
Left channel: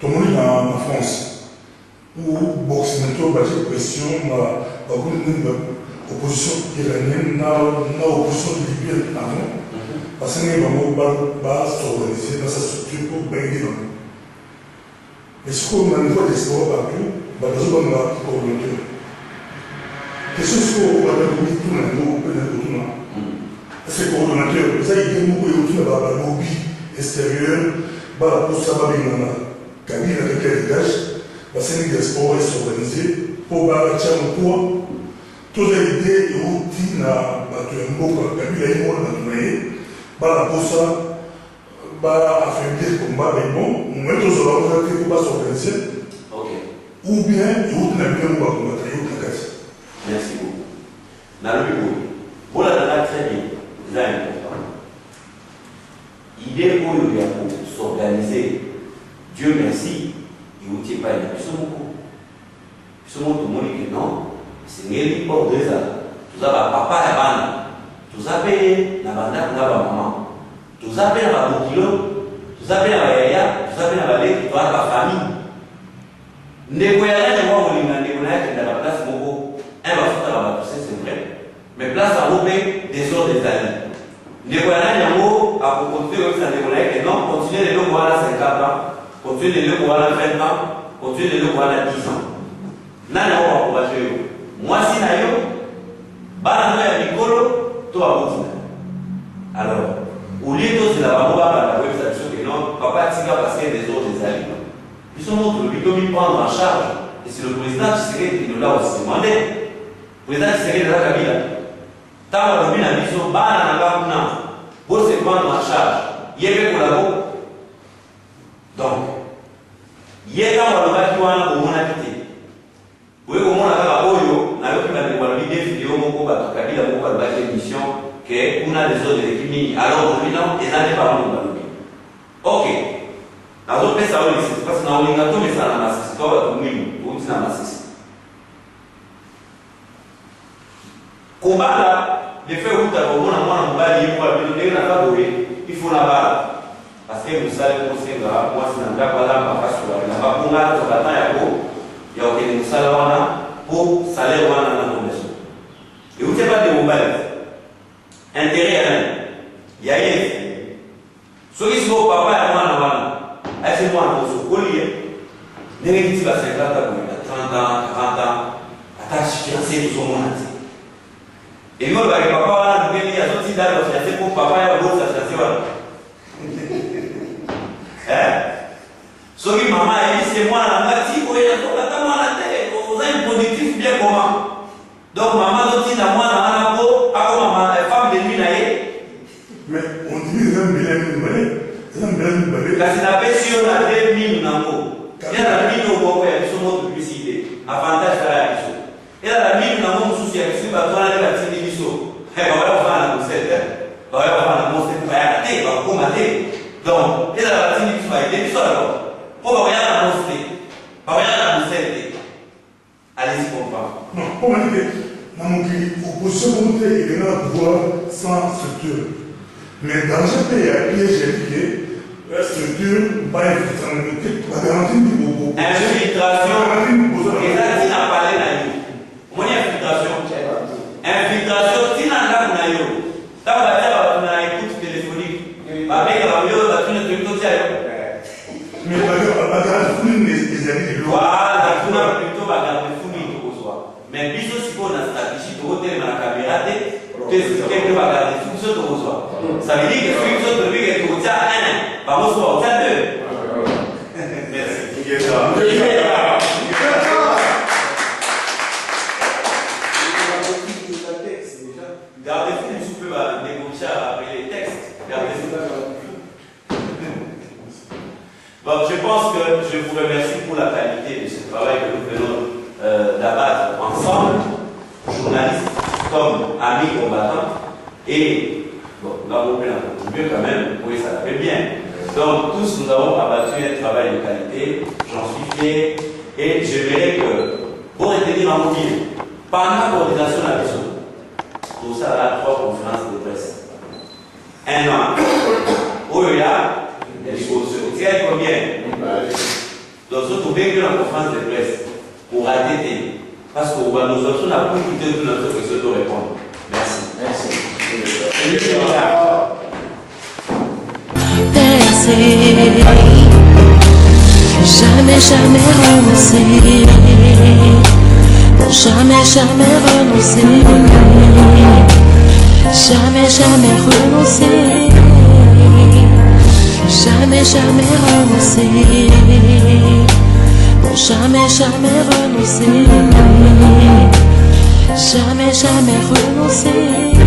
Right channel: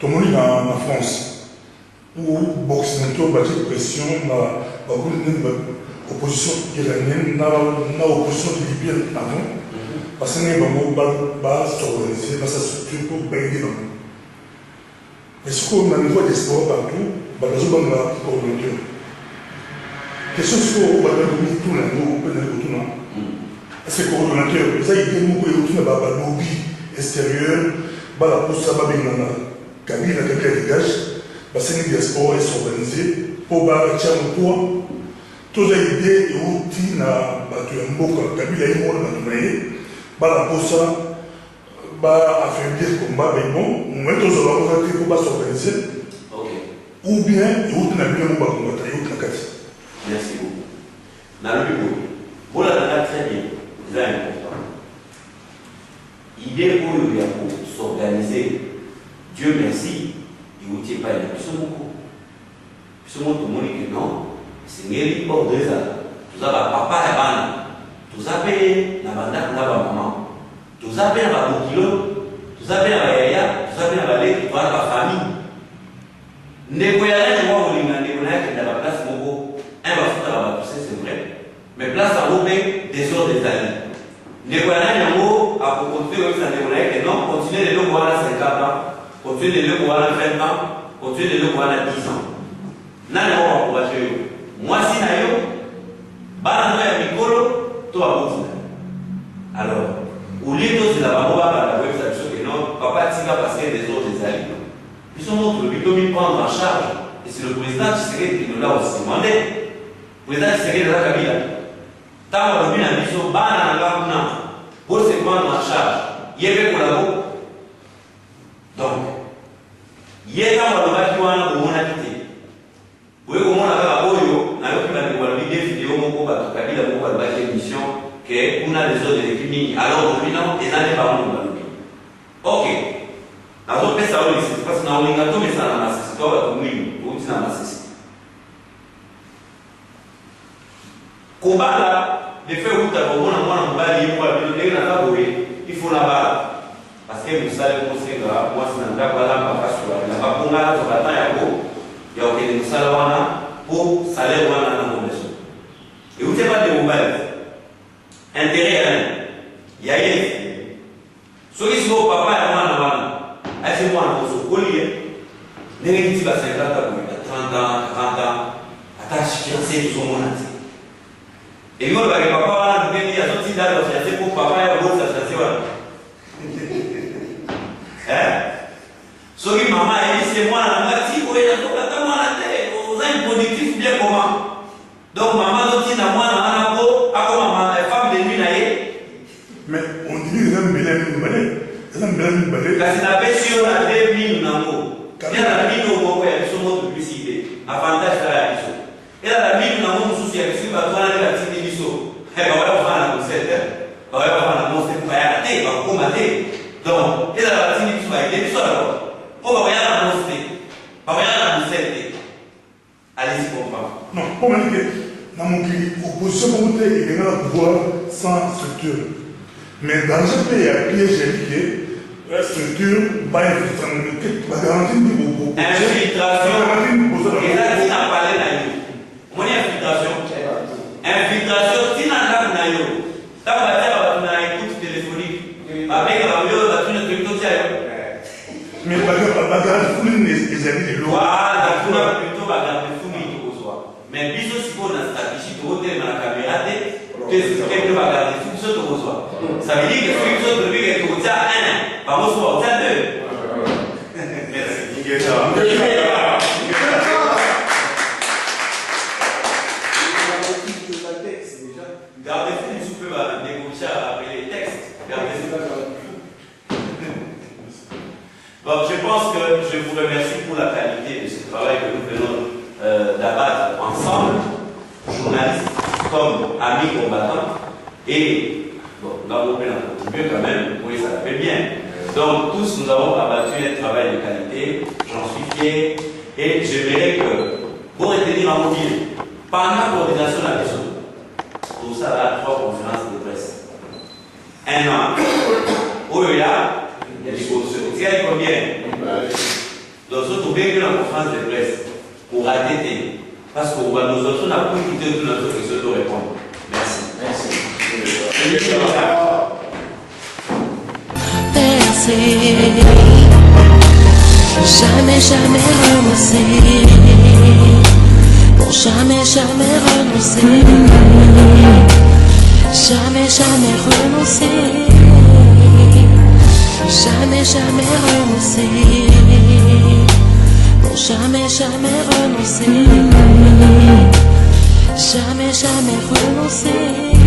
Tout le monde est en France. Où boxing, tout le monde pression, opposition iranienne, na opposition libyenne avant, parce que nous avons s'organiser dans sa structure pour baigner dans nous. Mais ce qu'on a une voie d'espoir partout, nous avons un coordonnateur. Question c'est qu'on va donner tout le monde, tout le monde. C'est coordonnateur, ça il y a beaucoup de lobby extérieur, pour ça va bien dans la cabine avec les dégage, parce que nous diaspora s'organiser pour bâtir un poids. Toute l'idée est outil na batuemboka kabila imona natunaye bala posa ba affaiblir combat mais bon moment tous va voir que va s'organiser ou bien outil na bien ba combattre outil na kati. Merci beaucoup. Na le bureau voilà dans très bien c'est important. Idée pour il y a pour s'organiser. Dieu merci il outil pas il plus mon tout le monde que non. C'est ngeli pour 2 ans. Tout ça va papa et bana. Tout ça paye na banda na ba maman. Tout ça paye na ba bokilo. Tout ça paye na ba yaya. Tout ça paye na ba leki to ba famille. Ndeko ya nani wa ulinga ndeko na yake na place moko. Un va futa ba tout c'est vrai. Mais place à l'obé des autres des alliés. Ndeko ya nani yango a pour continuer avec sa ndeko na yake non continuer le voilà 50 ans. Continuer le voilà 20 ans. Continuer le voilà 10 ans. Nani wa pour bacher moi si na yo bana no ya mikolo to abotina alors au lieu de la bamba la website sur que non papa tika parce que des autres des alliés ils sont notre but de prendre en charge et c'est le président Tshisekedi qui nous l'a aussi demandé le président Tshisekedi de la Kabila tant que bina biso bana na bakuna pour se prendre en charge yebe kolabo donc yeka waloba kiwana kumona kiti oui, comment on a oyo, na yo qui m'a dévoilé des vidéos, mon combat, Kabila, mon combat, la mission, que on a des autres équipes, alors dominant, et n'allez pas mon combat. Ok. Dans d'autres pays, ça va ici, parce que dans le lingato, mais ça n'a pas c'est toi, tu m'ouilles, tu n'as pas cessé. Combat là, les faits où tu as vraiment un mois, on va dire, il faut la barre. Parce que vous savez, moi, c'est un gars, voilà, ma face, il n'a pas pour là, sur la temps, il y a aucun musala wana pour salaire wana na condition. Et vous savez pas de mobile. Intérêt il y a rien. Ce qui sont papa et wana est-ce moi on se collier. Négatif à 50 ans, 30 ans, 40 ans, attache fiancé tout son monde. Et moi avec papa wana nous venir à sortir dans le fiancé pour papa et l'autre ça fiancé wana. Ce qui maman a dit c'est moi la moitié pour elle donc attends moi la tête vous avez un productif bien comment donc maman dit na moi na ko ako maman femme de nuit naie mais on dit les hommes belés la sinabe si on a 2000 nango il y a la mine au bon ya biso mo publicité avantage la biso et la mine nango mususu ya biso ba twana la tini biso ba va faire la recette ba va faire la monster ba ya te ba ko mate donc et la tini biso ba ile biso alors pour regarder la mosquée, pour regarder la mosquée, allez-y comprendre. Non, pour me dire que dans mon pays, l'opposition communautaire, il y a un pouvoir sans structure. Mais dans ce pays, il y a un piège indiqué, la structure, pas la garantie du beaucoup. Infiltration, et là, tu n'as pas l'air. Mon infiltration. Infiltration, tu n'as pas l'air. Tu as pas l'air, tu n'as pas écoute téléphonique. Avec la vidéo, tu ne te dis pas. Mais la garantie fournie les amis de l'eau. Voilà, tu as plutôt la garantie fournie au soir. Mais bisous, si on a Ça veut dire que celui qui saute le but est au tiers 1, par contre, soit au tiers 2. Merci. Gardez-vous du souffle, négocier après les textes. Gardez-vous. Bon, je pense que je vous remercie pour la qualité de ce travail que nous venons d'abattre ensemble, journalistes comme amis combattants. Et bon, nous avons bien contribué quand même, oui, ça la fait bien. Donc, tous nous avons abattu un travail de qualité, j'en suis fier. Et j'aimerais que vous retenir en mobile, pendant la coordination de la question, pour ça, là, 3 conférences de presse. 1 an. Où il y a des dispositions. Il y a combien? Donc, vous trouvez que la conférence de presse pour arrêter. Parce que nous autres, on n'a pas quitté toute notre question de répondre. Merci. Merci. Percer, jamais, jamais renoncer. Pour jamais, jamais renoncer. Jamais, jamais renoncer. Jamais, jamais renoncer. Pour jamais, jamais renoncer. Jamais, jamais renoncer.